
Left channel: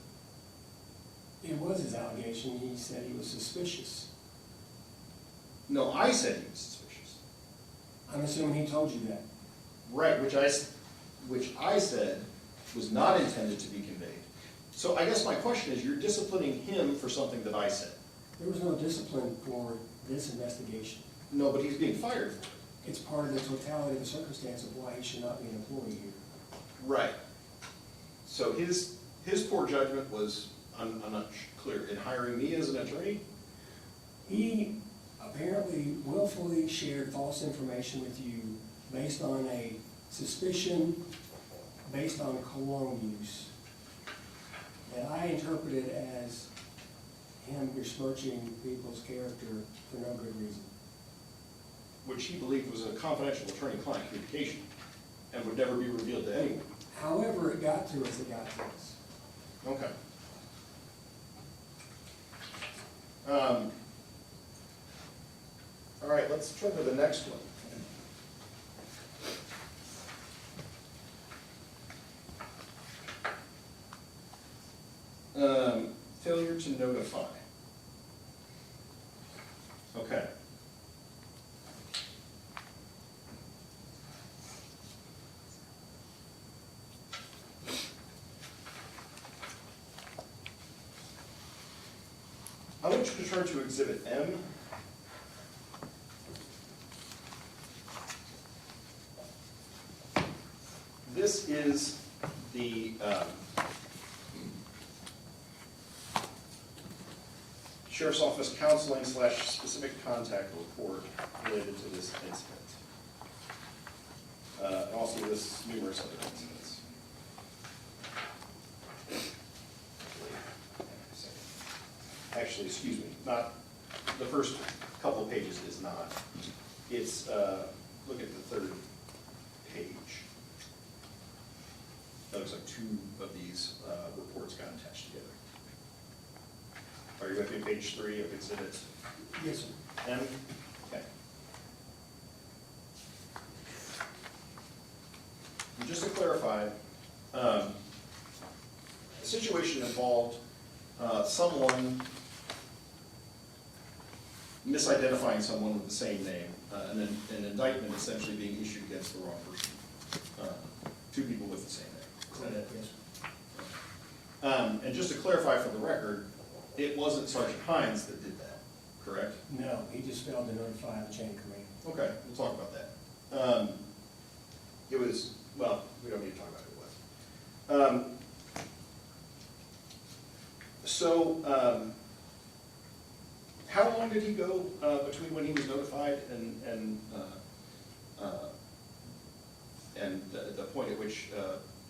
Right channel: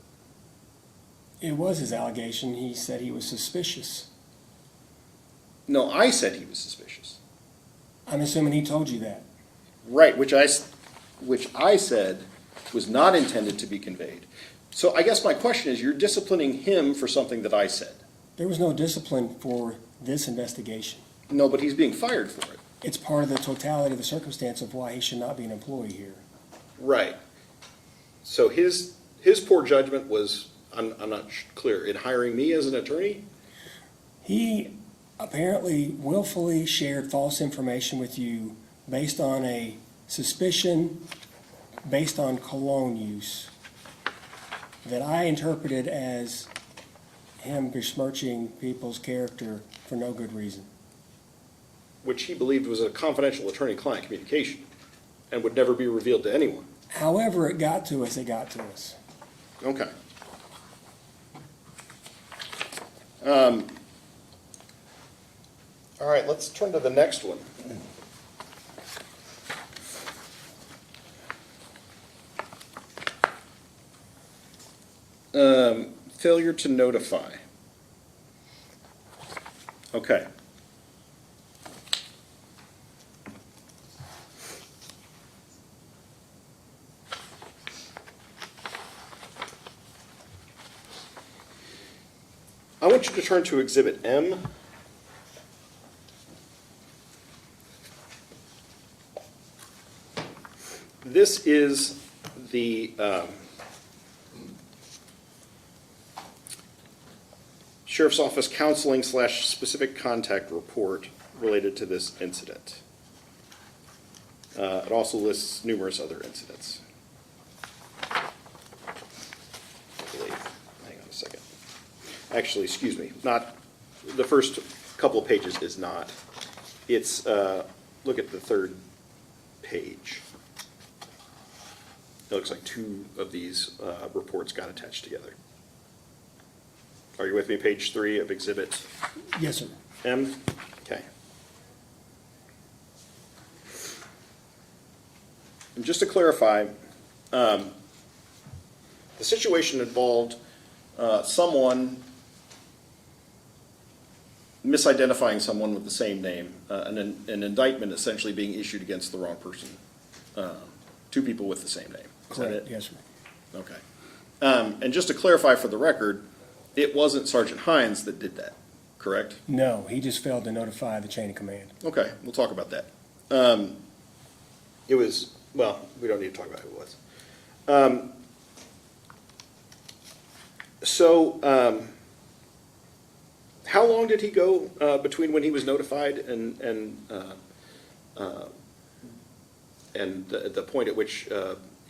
It was his allegation. He said he was suspicious. No, I said he was suspicious. I'm assuming he told you that. Right, which I said was not intended to be conveyed. So I guess my question is, you're disciplining him for something that I said. There was no discipline for this investigation. No, but he's being fired for it. It's part of the totality of the circumstance of why he should not be an employee here. Right. So his poor judgment was, I'm not clear, in hiring me as an attorney? He apparently willfully shared false information with you based on a suspicion, based on cologne use, that I interpreted as him besmirching people's character for no good reason. Which he believed was a confidential attorney-client communication and would never be revealed to anyone. However it got to us, it got to us. Okay. All right, let's turn to the next one. Failure to notify. Okay. I want you to turn to Exhibit M. This is the Sheriff's Office counseling / specific contact report related to this incident. It also lists numerous other incidents. I believe. Hang on a second. Actually, excuse me, not, the first couple of pages is not. It's, look at the third page. It looks like two of these reports got attached together. Are you with me? Page 3 of Exhibit Yes, sir. M? Okay. And just to clarify, the situation involved someone misidentifying someone with the same name, an indictment essentially being issued against the wrong person. Two people with the same name. Is that it? Yes, sir. Okay. And just to clarify for the record, it wasn't Sergeant Heyungs that did that, correct? No, he just failed to notify the chain of command. Okay, we'll talk about that. It was, well, we don't need to talk about who it was. How long did he go between when he was notified and the point at which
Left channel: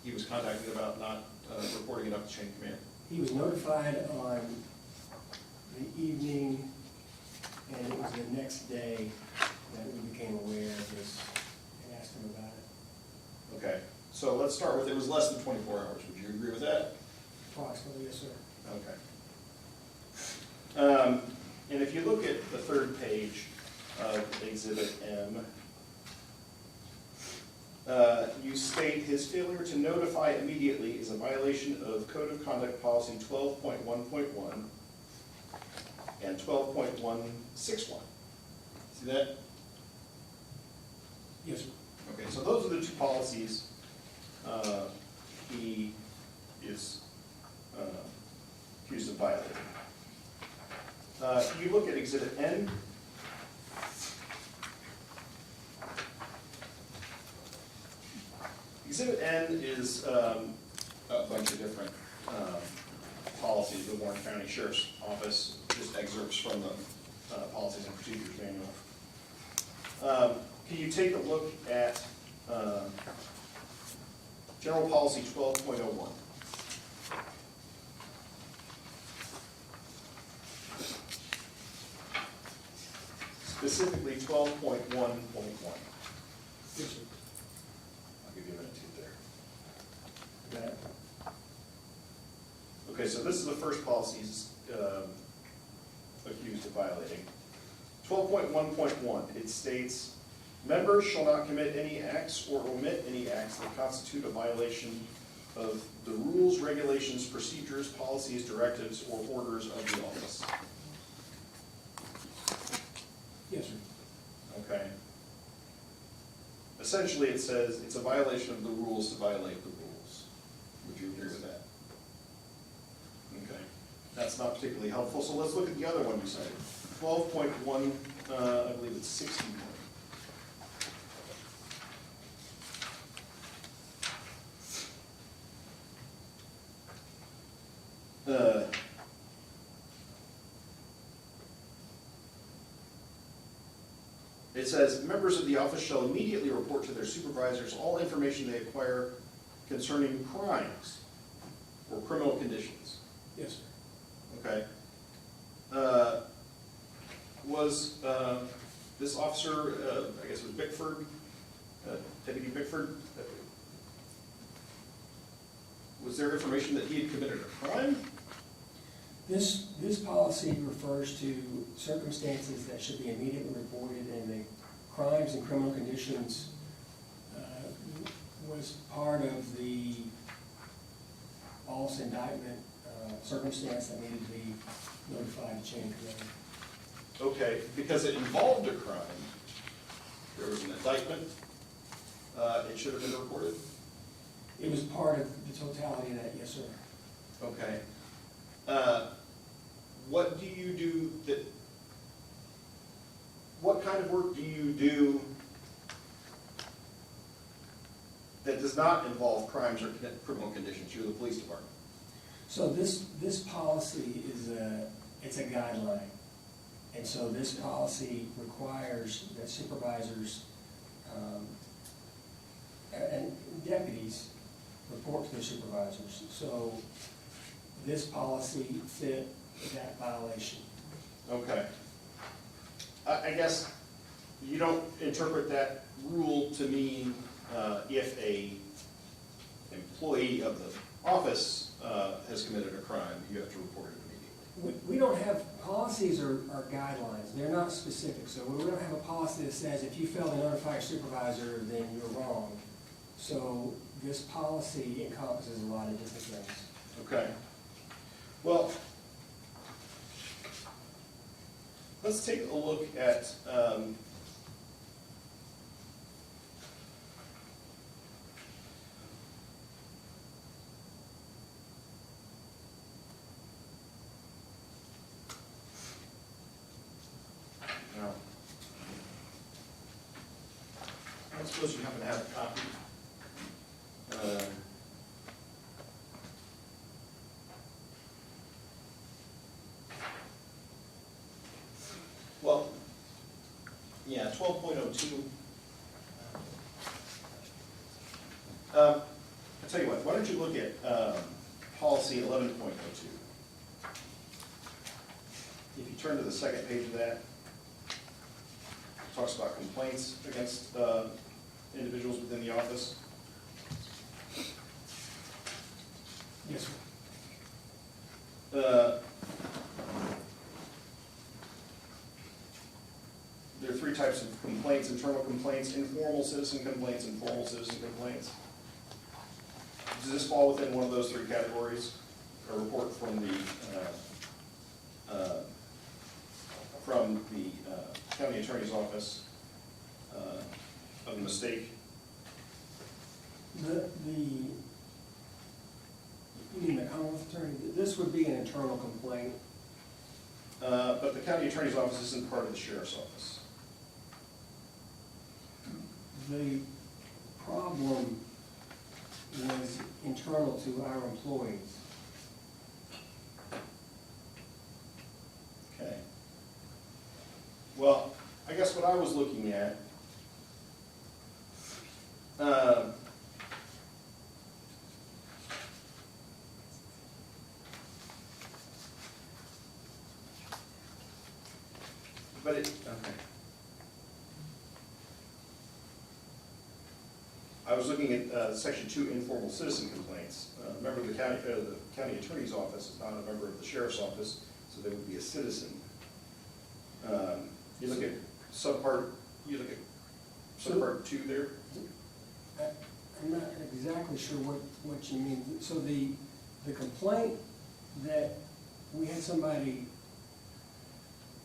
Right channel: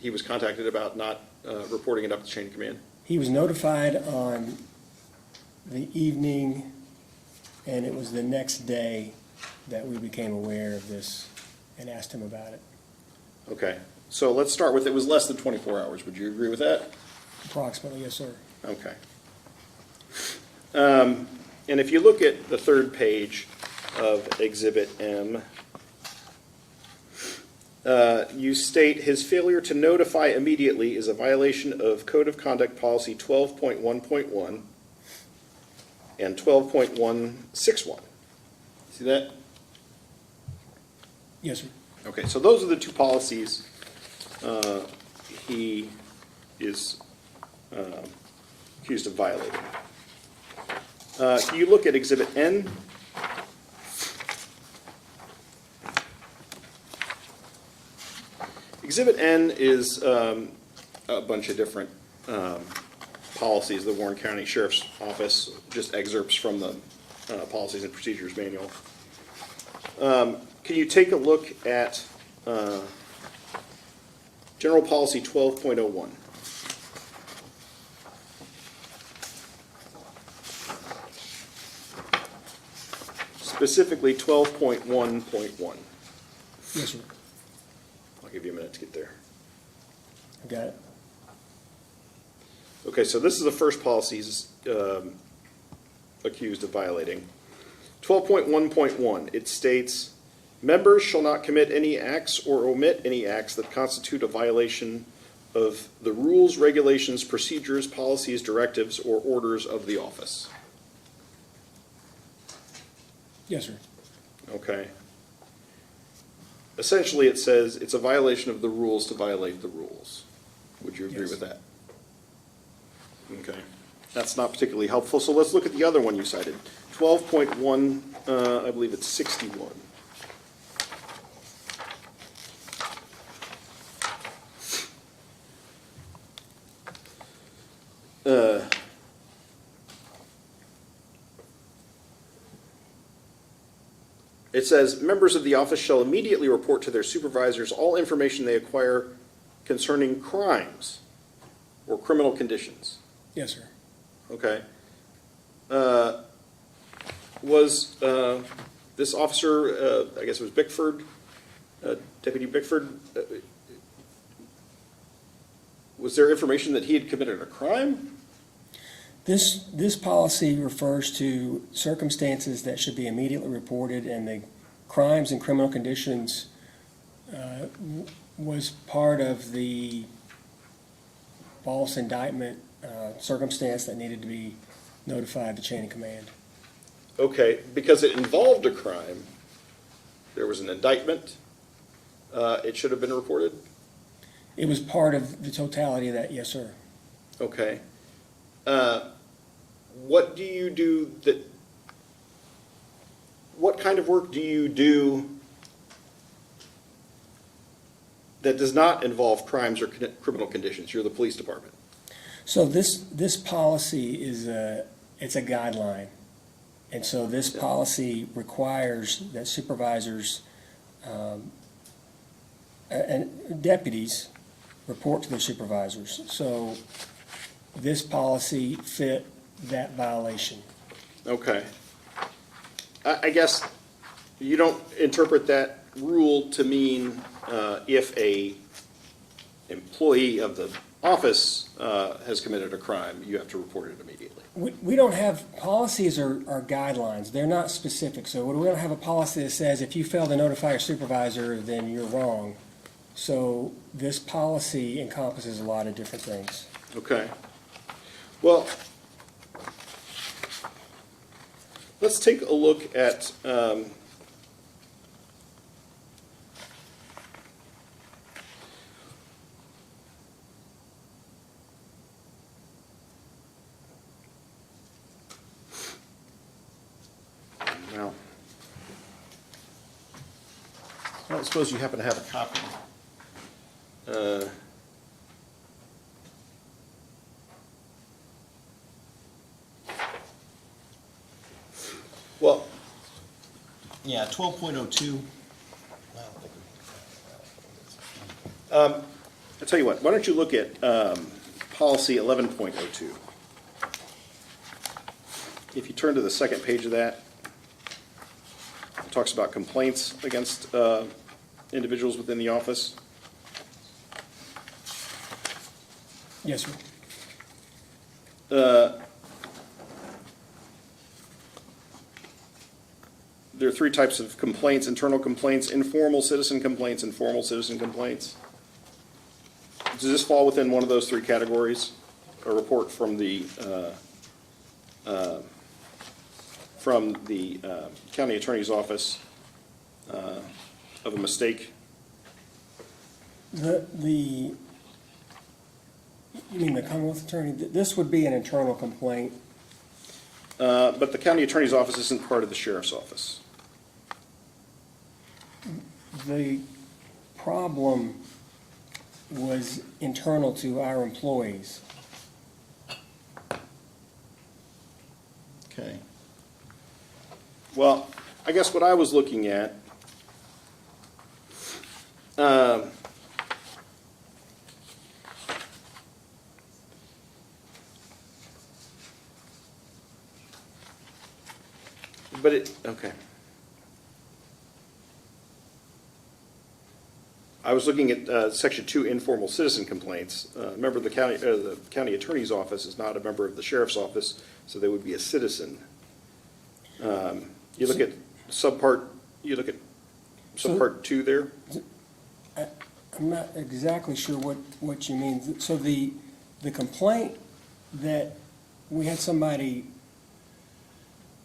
he was contacted about not reporting it up to chain of command? He was notified on the evening, and it was the next day that we became aware of this and asked him about it. Okay, so let's start with, it was less than 24 hours. Would you agree with that? Approximately, yes, sir. Okay. And if you look at the third page of Exhibit M, you state his failure to notify immediately is a violation of Code of Conduct Policy 12.1.1 and 12.161. See that? Yes, sir. Okay, so those are the two policies he is accused of violating. You look at Exhibit N. Exhibit N is a bunch of different policies of the Warren County Sheriff's Office, just excerpts from the Policies and Procedures Manual. Can you take a look at General Policy 12.01? Specifically 12.1.1. Yes, sir. I'll give you a minute to get there. I got it. Okay, so this is the first policy he's accused of violating. 12.1.1, it states, members shall not commit any acts or omit any acts that constitute a violation of the rules, regulations, procedures, policies, directives, or orders of the office. Yes, sir. Okay. Essentially, it says it's a violation of the rules to violate the rules. Would you agree Yes. with that? Okay. That's not particularly helpful, so let's look at the other one you cited. 12.1, I believe it's 61. It says, members of the office shall immediately report to their supervisors all information they acquire concerning crimes or criminal conditions. Yes, sir. Okay. Was this officer, I guess it was Bickford, Deputy Bickford, was there information that he had committed a crime? This policy refers to circumstances that should be immediately reported, and the crimes and criminal conditions was part of the false indictment circumstance that needed to be notified to chain of command. Okay, because it involved a crime, there was an indictment, it should have been reported? It was part of the totality of that, yes, sir. Okay. What do you do what kind of work do you do that does not involve crimes or criminal conditions? You're the police department. So this policy it's a guideline. And so this policy requires that supervisors and deputies report to their supervisors. So this policy fit that violation. Okay. I guess you don't interpret that rule to mean if a employee of the office has committed a crime, you have to report it immediately. We don't have, policies are guidelines, they're not specific. So we don't have a policy that says if you fail to notify your supervisor, then you're wrong. So this policy encompasses a lot of different things. Okay. Well, let's take a look at now, I don't suppose you happen to have a copy. Well, Yeah, 12.02. I'll tell you what, why don't you look at policy 11.02. If you turn to the second page of that, it talks about complaints against individuals within the office. Yes, sir. There are three types of complaints: internal complaints, informal citizen complaints, and formal citizen complaints. Does this fall within one of those three categories? A report from the county attorney's office of a mistake? You mean the Commonwealth Attorney? This would be an internal complaint. But the county attorney's office isn't part of the sheriff's office. The problem was internal to our employees. Okay. Well, I guess what I was looking at, okay. I was looking at section 2, informal citizen complaints. Remember, the county attorney's office is not a member of the sheriff's office, so they would be a citizen. You look at subpart 2 there. I'm not exactly sure what you mean. So the complaint that we had somebody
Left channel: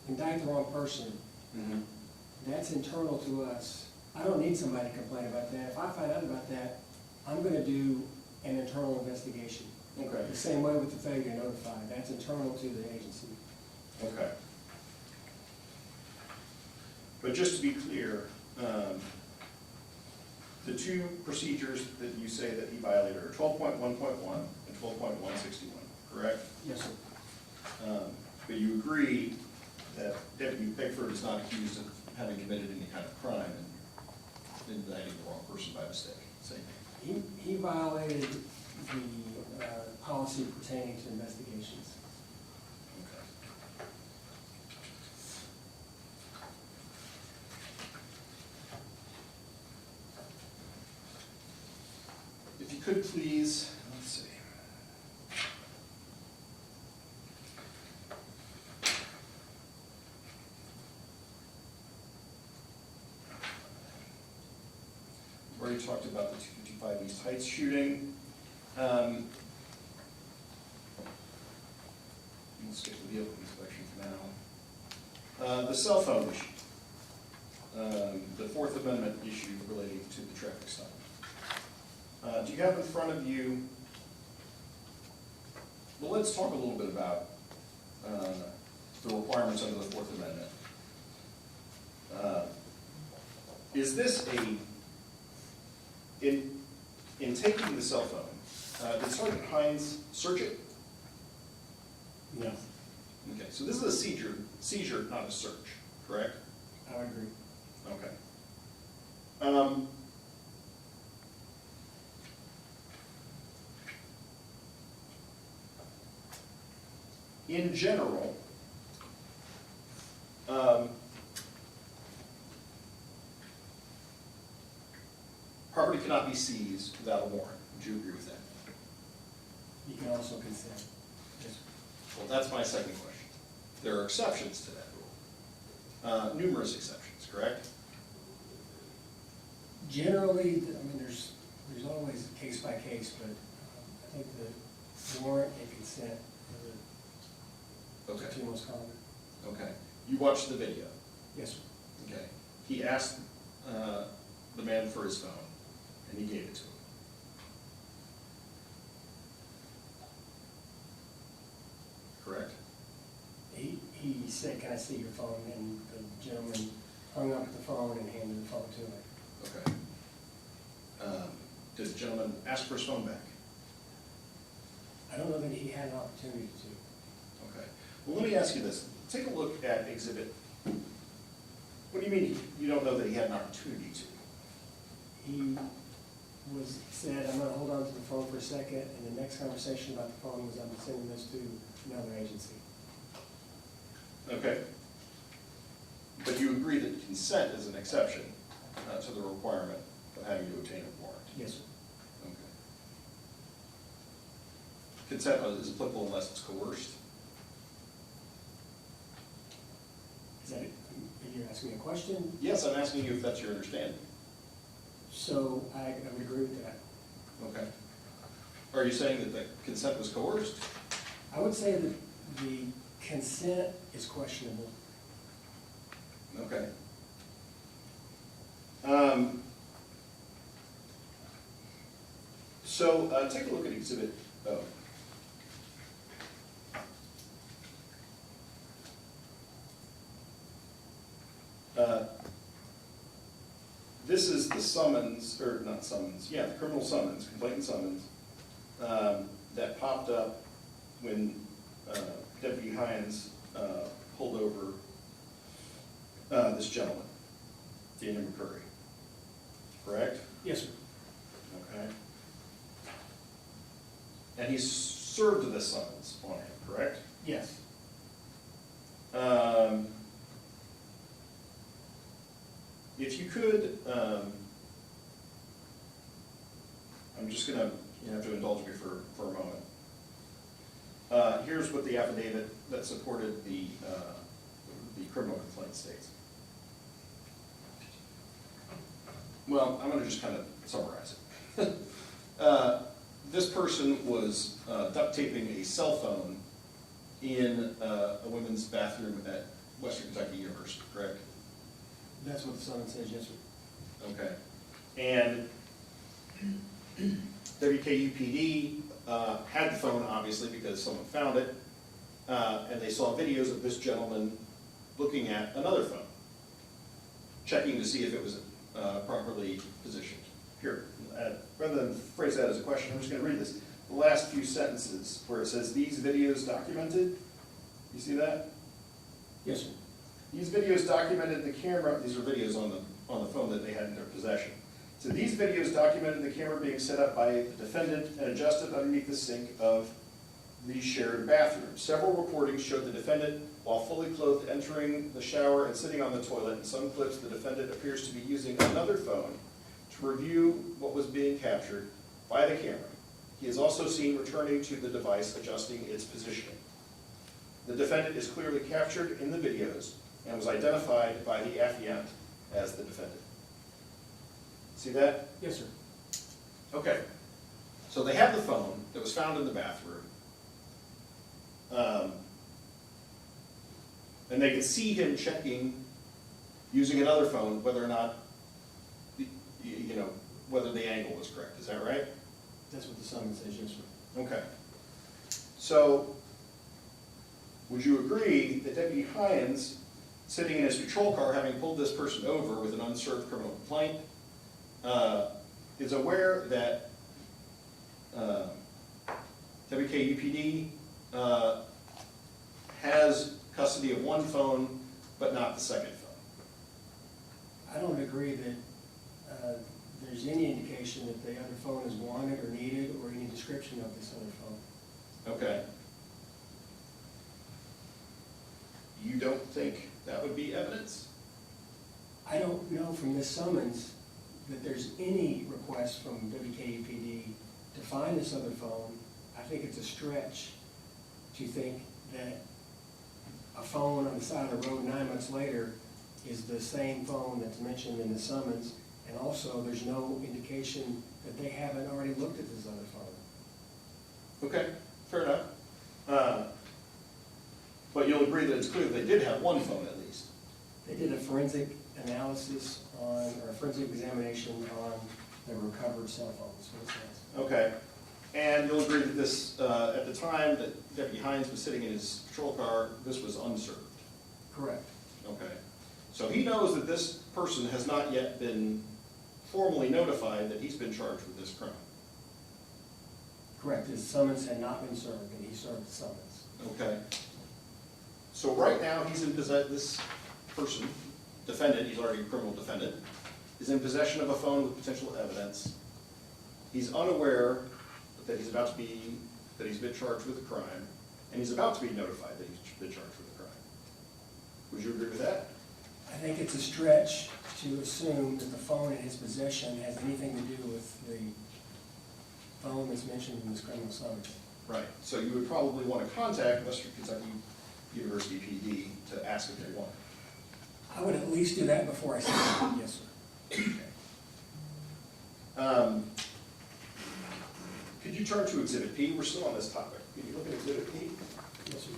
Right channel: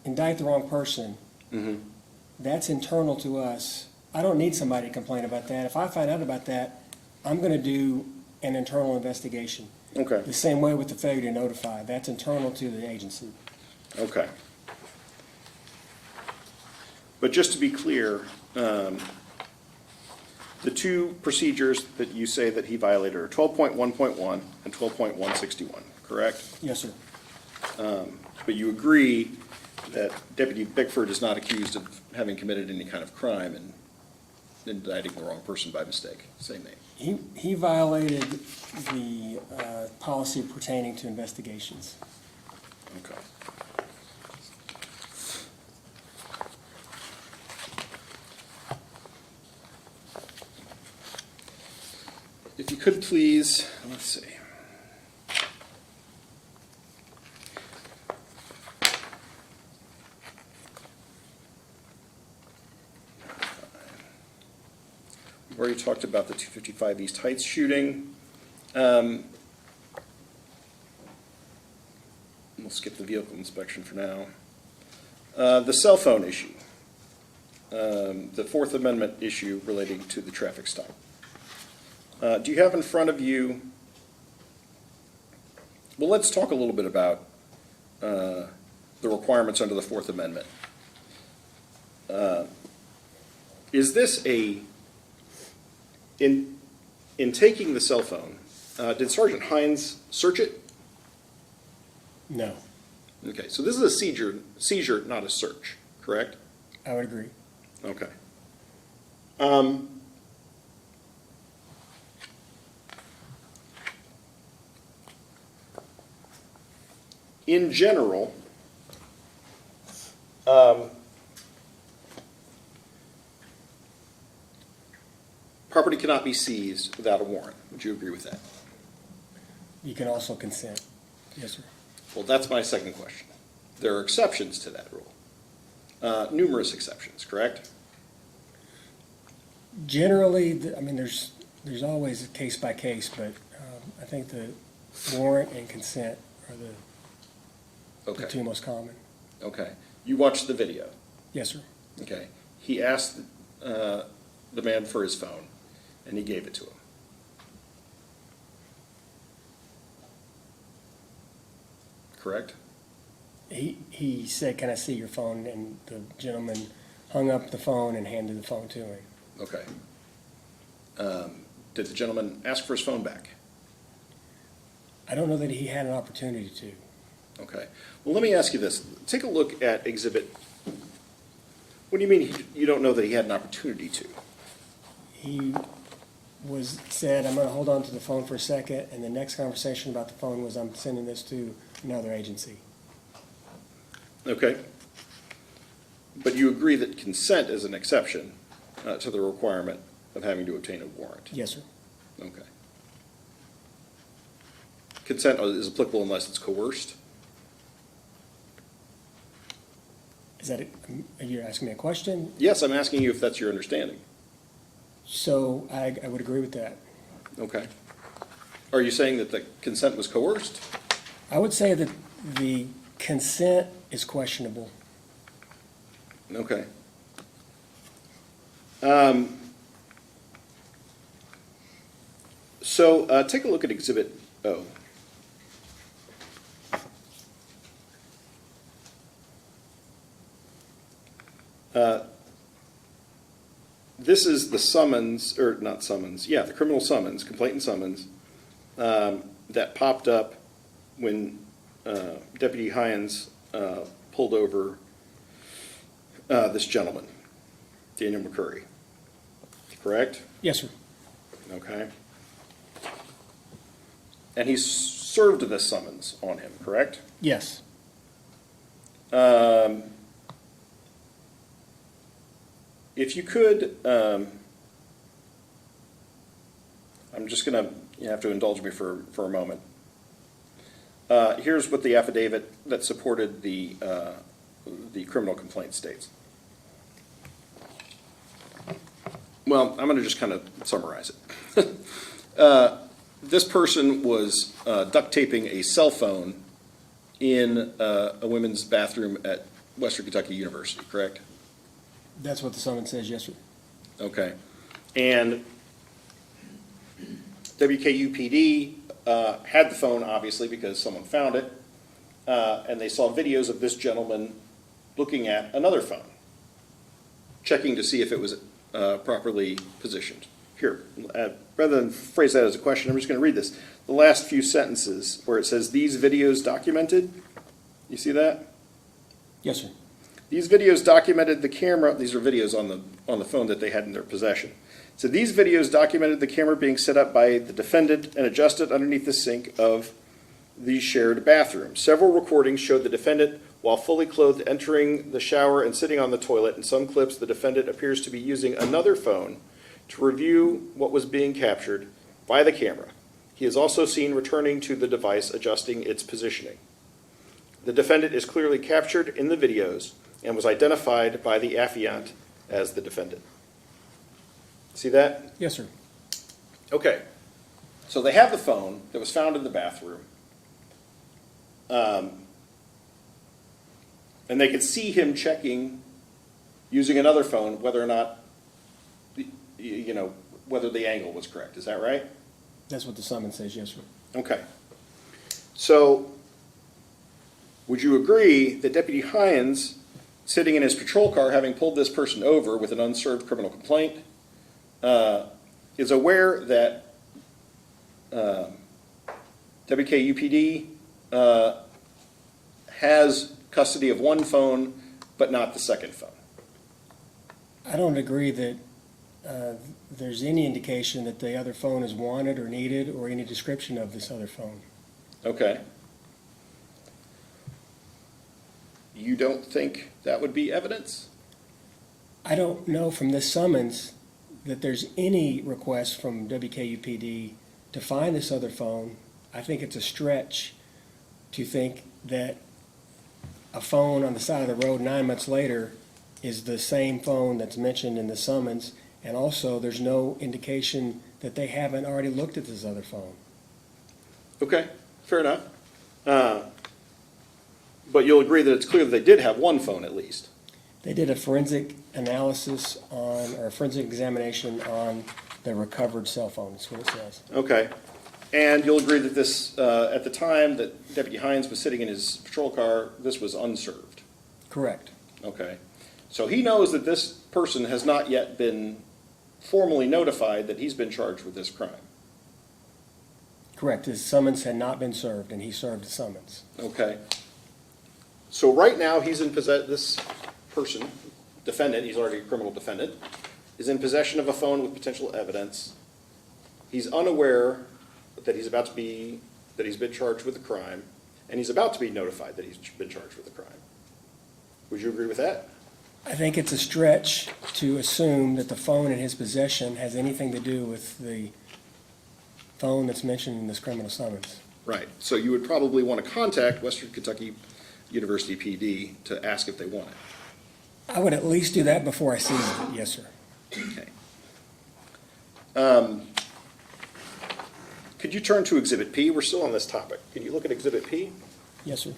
indict the wrong person, that's internal to us. I don't need somebody to complain about that. If I find out about that, I'm gonna do an internal investigation. Okay, The same way with the failure to notify, that's internal to the agency. okay. But just to be clear, the two procedures that you say that he violated are 12.1.1 and 12.161, correct? Yes, sir. But you agree that Deputy Bickford is not accused of having committed any kind of crime and indicting the wrong person by mistake, same name. He violated the policy pertaining to investigations. Okay. If you could please, let's see. We already talked about the 255 East Heights shooting. We'll skip the vehicle inspection for now. The cell phone issue. The Fourth Amendment issue relating to the traffic stop. Do you have in front of you, well, let's talk a little bit about the requirements under the Fourth Amendment. Is this in taking the cell phone, did Sergeant Heyungs search it? No, Okay, so this is a seizure, not a search, correct? I would agree. Okay. In general, property cannot be seized without a warrant. Would you agree with that? You can also consent. Yes, sir. Well, that's my second question. There are exceptions to that rule. Numerous exceptions, correct? Generally, I mean, there's always case by case, but I think the warrant and consent are the Okay, two most common. okay. You watched the video. Yes, sir. Okay. He asked the man for his phone, and he gave it to him. Correct? He said, "Can I see your phone?" And the gentleman hung up the phone and handed the phone to him. Okay. Did the gentleman ask for his phone back? I don't know that he had an opportunity to. Okay. Well, let me ask you this. Take a look at exhibit. What do you mean you don't know that he had an opportunity to? He said, "I'm gonna hold on to the phone for a second," and the next conversation about the phone was, "I'm sending this to another agency." Okay. But you agree that consent is an exception to the requirement of having to obtain a warrant? Yes, sir. Okay. Consent is applicable unless it's coerced? Is that, are you asking me a question? Yes, I'm asking you if that's your understanding. So I would agree with that. Okay. Are you saying that the consent was coerced? I would say that the consent is questionable. Okay. So take a look at Exhibit O. This is the summons, or not summons, yeah, the criminal summons, complaint and summons, that popped up when Deputy Heyungs pulled over this gentleman, Daniel McCurry. Correct? Yes, sir. Okay. And he served this summons on him, correct? Yes. If you could I'm just gonna, you have to indulge me for a moment. Here's what the affidavit that supported the criminal complaint states. Well, I'm gonna just kind of summarize it. This person was duct taping a cell phone in a women's bathroom at Western Kentucky University, correct? That's what the summons says, yes, sir. Okay. And WKUPD had the phone, obviously, because someone found it, and they saw videos of this gentleman looking at another phone, checking to see if it was properly positioned. Here, rather than phrase that as a question, I'm just going to read this. The last few sentences where it says, "These videos documented," you see that? Yes, sir. These videos documented the camera, these are videos on the phone that they had in their possession. So these videos documented the camera being set up by the defendant and adjusted underneath the sink of the shared bathroom. Several recordings showed the defendant, while fully clothed, entering the shower and sitting on the toilet. In some clips, the defendant appears to be using another phone to review what was being captured by the camera. He is also seen returning to the device, adjusting its positioning. The defendant is clearly captured in the videos and was identified by the affiant as the defendant. See that? Yes, sir. Okay. So they have the phone that was found in the bathroom. And they could see him checking, using another phone, whether or not, whether the angle was correct. Is that right? That's what the summons says, yes, sir. Okay. So, would you agree that Deputy Heyungs, sitting in his patrol car, having pulled this person over with an unserved criminal complaint, is aware that WKUPD has custody of one phone, but not the second phone? I don't agree that there's any indication that the other phone is wanted or needed or any description of this other phone. Okay. You don't think that would be evidence? I don't know from this summons that there's any request from WKUPD to find this other phone. I think it's a stretch to think that a phone on the side of the road 9 months later is the same phone that's mentioned in the summons, and also there's no indication that they haven't already looked at this other phone. Okay, fair enough. But you'll agree that it's clear that they did have one phone at least. They did a forensic analysis on, or a forensic examination on the recovered cell phone, that's what it says. Okay. And you'll agree that this, at the time that Deputy Heyungs was sitting in his patrol car, this was unserved? Correct. Okay. So he knows that this person has not yet been formally notified that he's been charged with this crime? Correct. His summons had not been served, and he served the summons. Okay. So right now, he's in this person, defendant, he's already a criminal defendant, is in possession of a phone with potential evidence. He's unaware that he's been charged with a crime, and he's about to be notified that he's been charged with a crime. Would you agree with that? I think it's a stretch to assume that the phone in his possession has anything to do with the phone that's mentioned in this criminal summons. Right. So you would probably want to contact Western Kentucky University PD to ask if they want it. I would at least do that before I see it, yes, sir. Okay. Could you turn to Exhibit P? We're still on this topic. Can you look at Exhibit P? Yes, sir.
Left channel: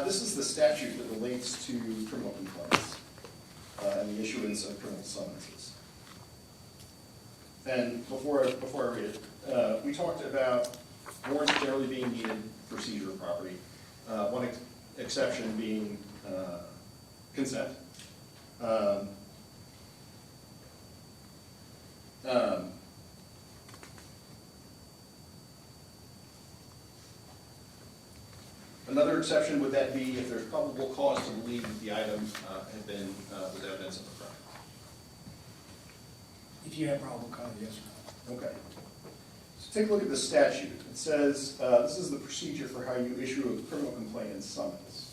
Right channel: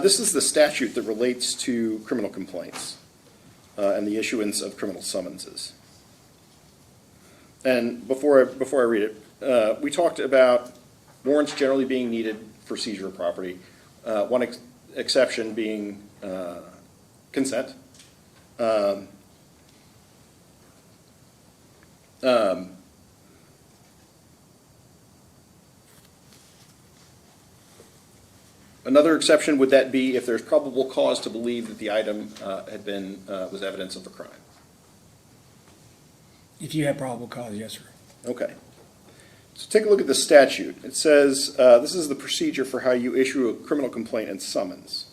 This is the statute that relates to criminal complaints and the issuance of criminal summonses. And before I read it, we talked about warrants generally being needed for seizure of property. One exception being consent. Another exception, would that be if there's probable cause to believe that the item was evidence of a crime? If you have probable cause, yes, sir. Okay. So take a look at the statute. It says, this is the procedure for how you issue a criminal complaint and summons.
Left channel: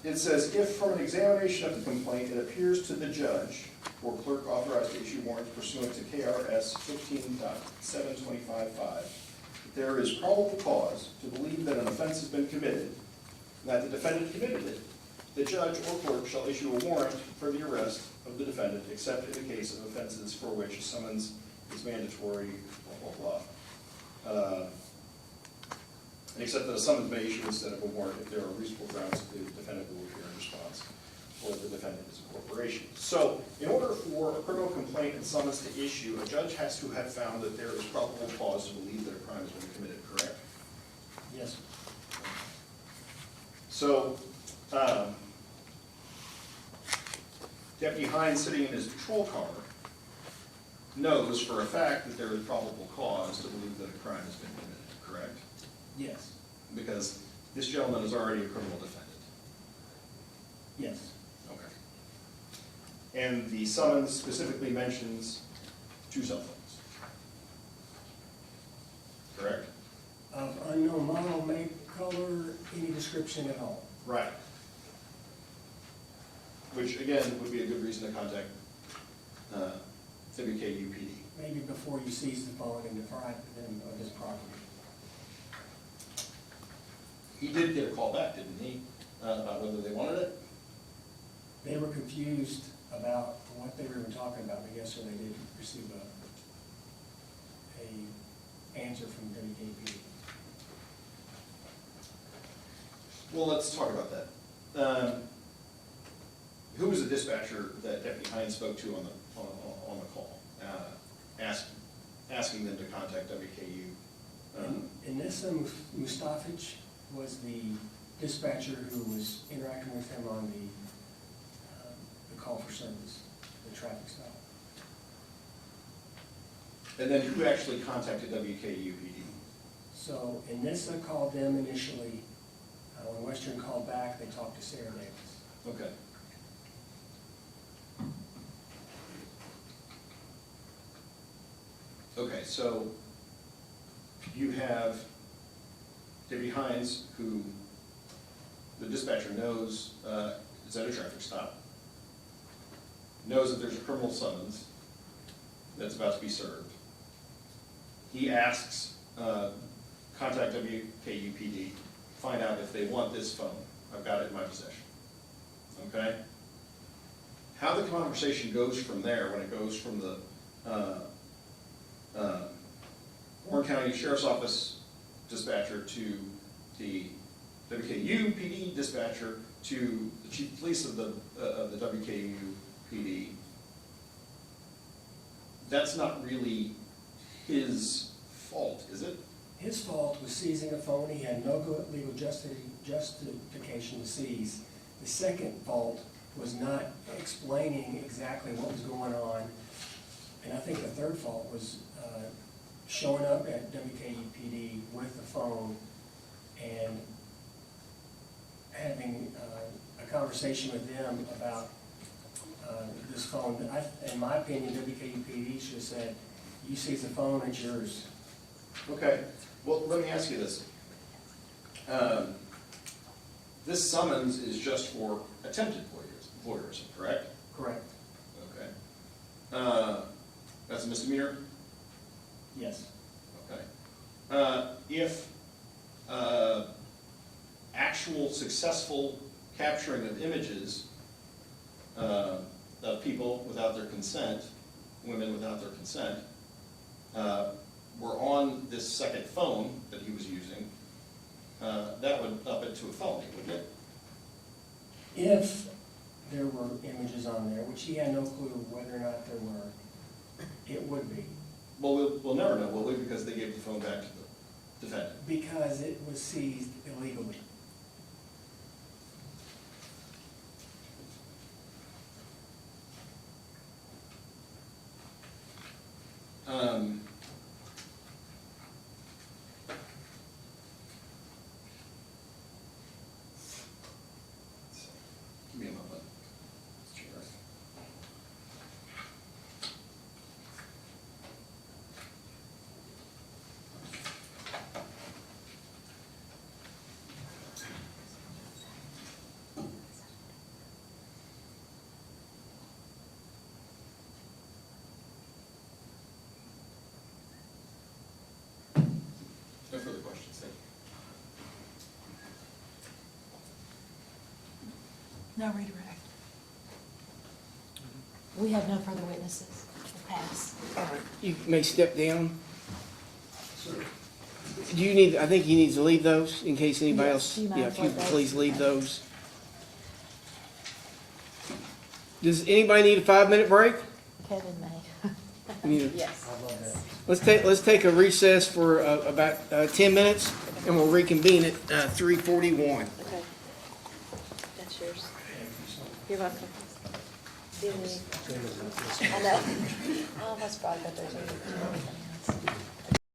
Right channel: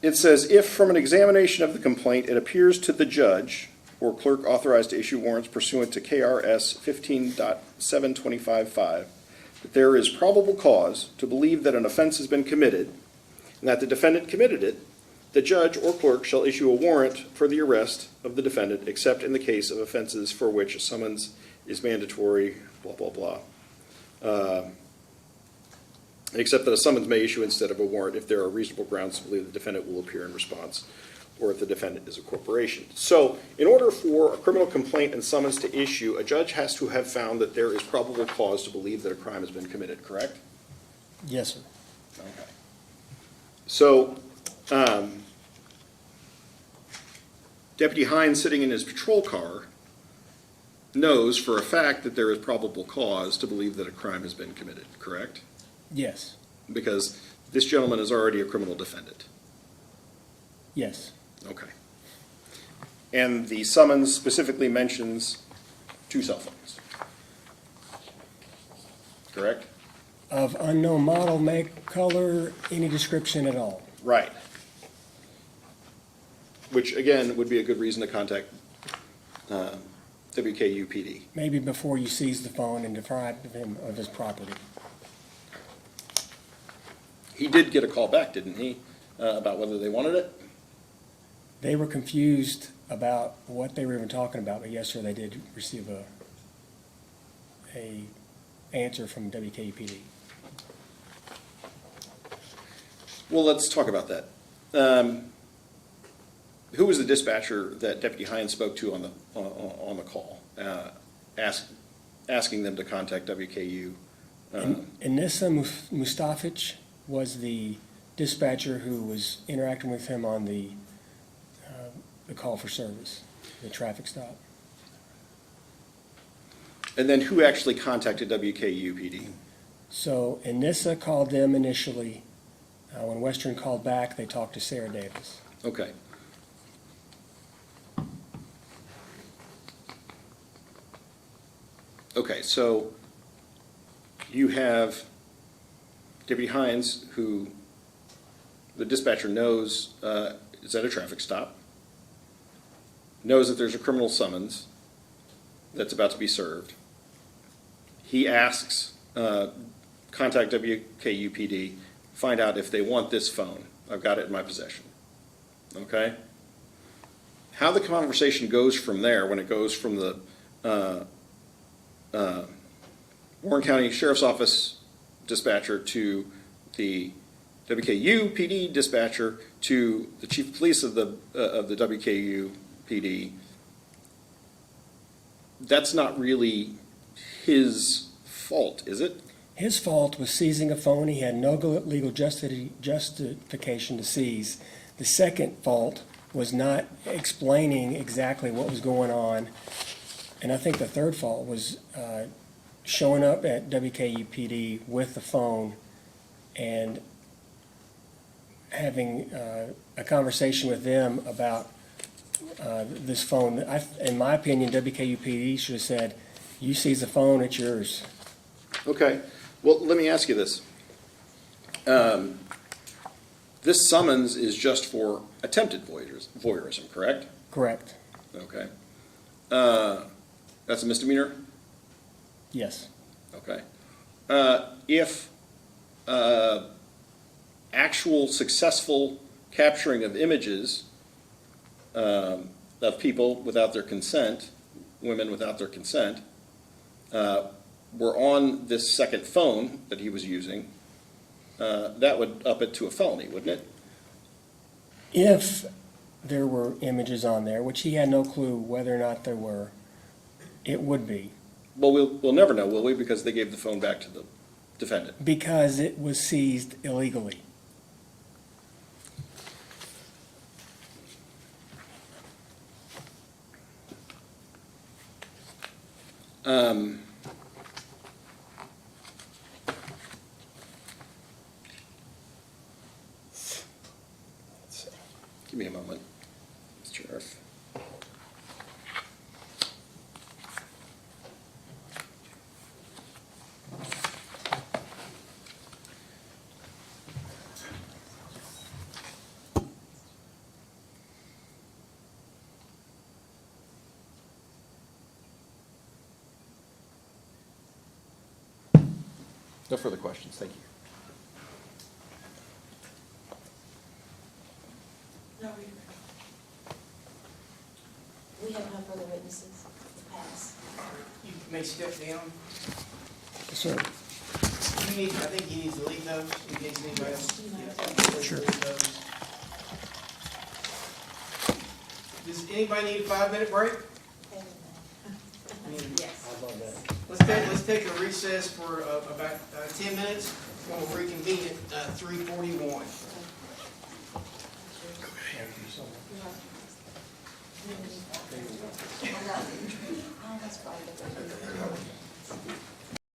It says, if from an examination of the complaint it appears to the judge for clerk authorized to issue warrants pursuant to KRS 15.725.5, that there is probable cause to believe that an offense has been committed and that the defendant committed it, the judge or clerk shall issue a warrant for the arrest of the defendant, except in the case of offenses for which a summons is mandatory, blah, blah, blah. Except that a summons may issue instead of a warrant if there are reasonable grounds to believe the defendant will appear in response, or if the defendant is a corporation. So, in order for a criminal complaint and summons to issue, a judge has to have found that there is probable cause to believe that a crime has been committed, correct? Yes, sir. So, Deputy Heyungs, sitting in his patrol car, knows for a fact that there is probable cause to believe that a crime has been committed, correct? Yes, Because this gentleman is already a criminal defendant. yes, Okay. And the summons specifically mentions 2 cell phones. Correct? of unknown model, make, color, any description at all. Right. Which, again, would be a good reason to contact WKUPD. Maybe before you seize the phone and deprive him of his property. He did get a call back, didn't he, about whether they wanted it? They were confused about what they were even talking about, but yes, sir, they did receive a answer from WKUPD. Well, let's talk about that. Who was the dispatcher that Deputy Heyungs spoke to on the call, asking them to contact WKU? Anissa Mustafic was the dispatcher who was interacting with him on the call for service, the traffic stop. And then who actually contacted WKUPD? So Anissa called them initially. When Western called back, they talked to Sarah Davis. Okay. Okay, so you have Deputy Heyungs, who the dispatcher knows is at a traffic stop, knows that there's a criminal summons that's about to be served. He asks, contact WKUPD, find out if they want this phone. I've got it in my possession. Okay? How the conversation goes from there, when it goes from the Warren County Sheriff's Office dispatcher to the WKU PD dispatcher to the chief of police of the WKU PD, that's not really his fault, is it? His fault was seizing a phone. He had no legal justification to seize. The second fault was not explaining exactly what was going on. And I think the third fault was showing up at WKUPD with the phone and having a conversation with them about this phone. In my opinion, WKUPD should have said, you seize the phone, it's yours. Okay. Well, let me ask you this. This summons is just for attempted voyeurism, correct? Correct. Okay. That's a misdemeanor? Yes. Okay. If actual successful capturing of images of people without their consent, women without their consent, were on this second phone that he was using, that would up it to a felony, wouldn't it? If there were images on there, which he had no clue whether or not there were, it would be. Well, we'll never know, will we? Because they gave the phone back to the defendant. Because it was seized illegally. Give me a moment, Sheriff. No further questions, thank you. No redirect. We have no further witnesses. We'll pass. All right, you may step down. Sir, Do you need, I think he needs to leave those in case anybody Yes, else, do you mind yeah, if you if I- could please leave those. Does anybody need a 5-minute break? Kevin may. You need- Yes. Let's take a recess for about 10 minutes, and we'll reconvene at 3:41. Okay. That's yours. You're welcome. Do you need- I know. Oh, that's fine, but there's.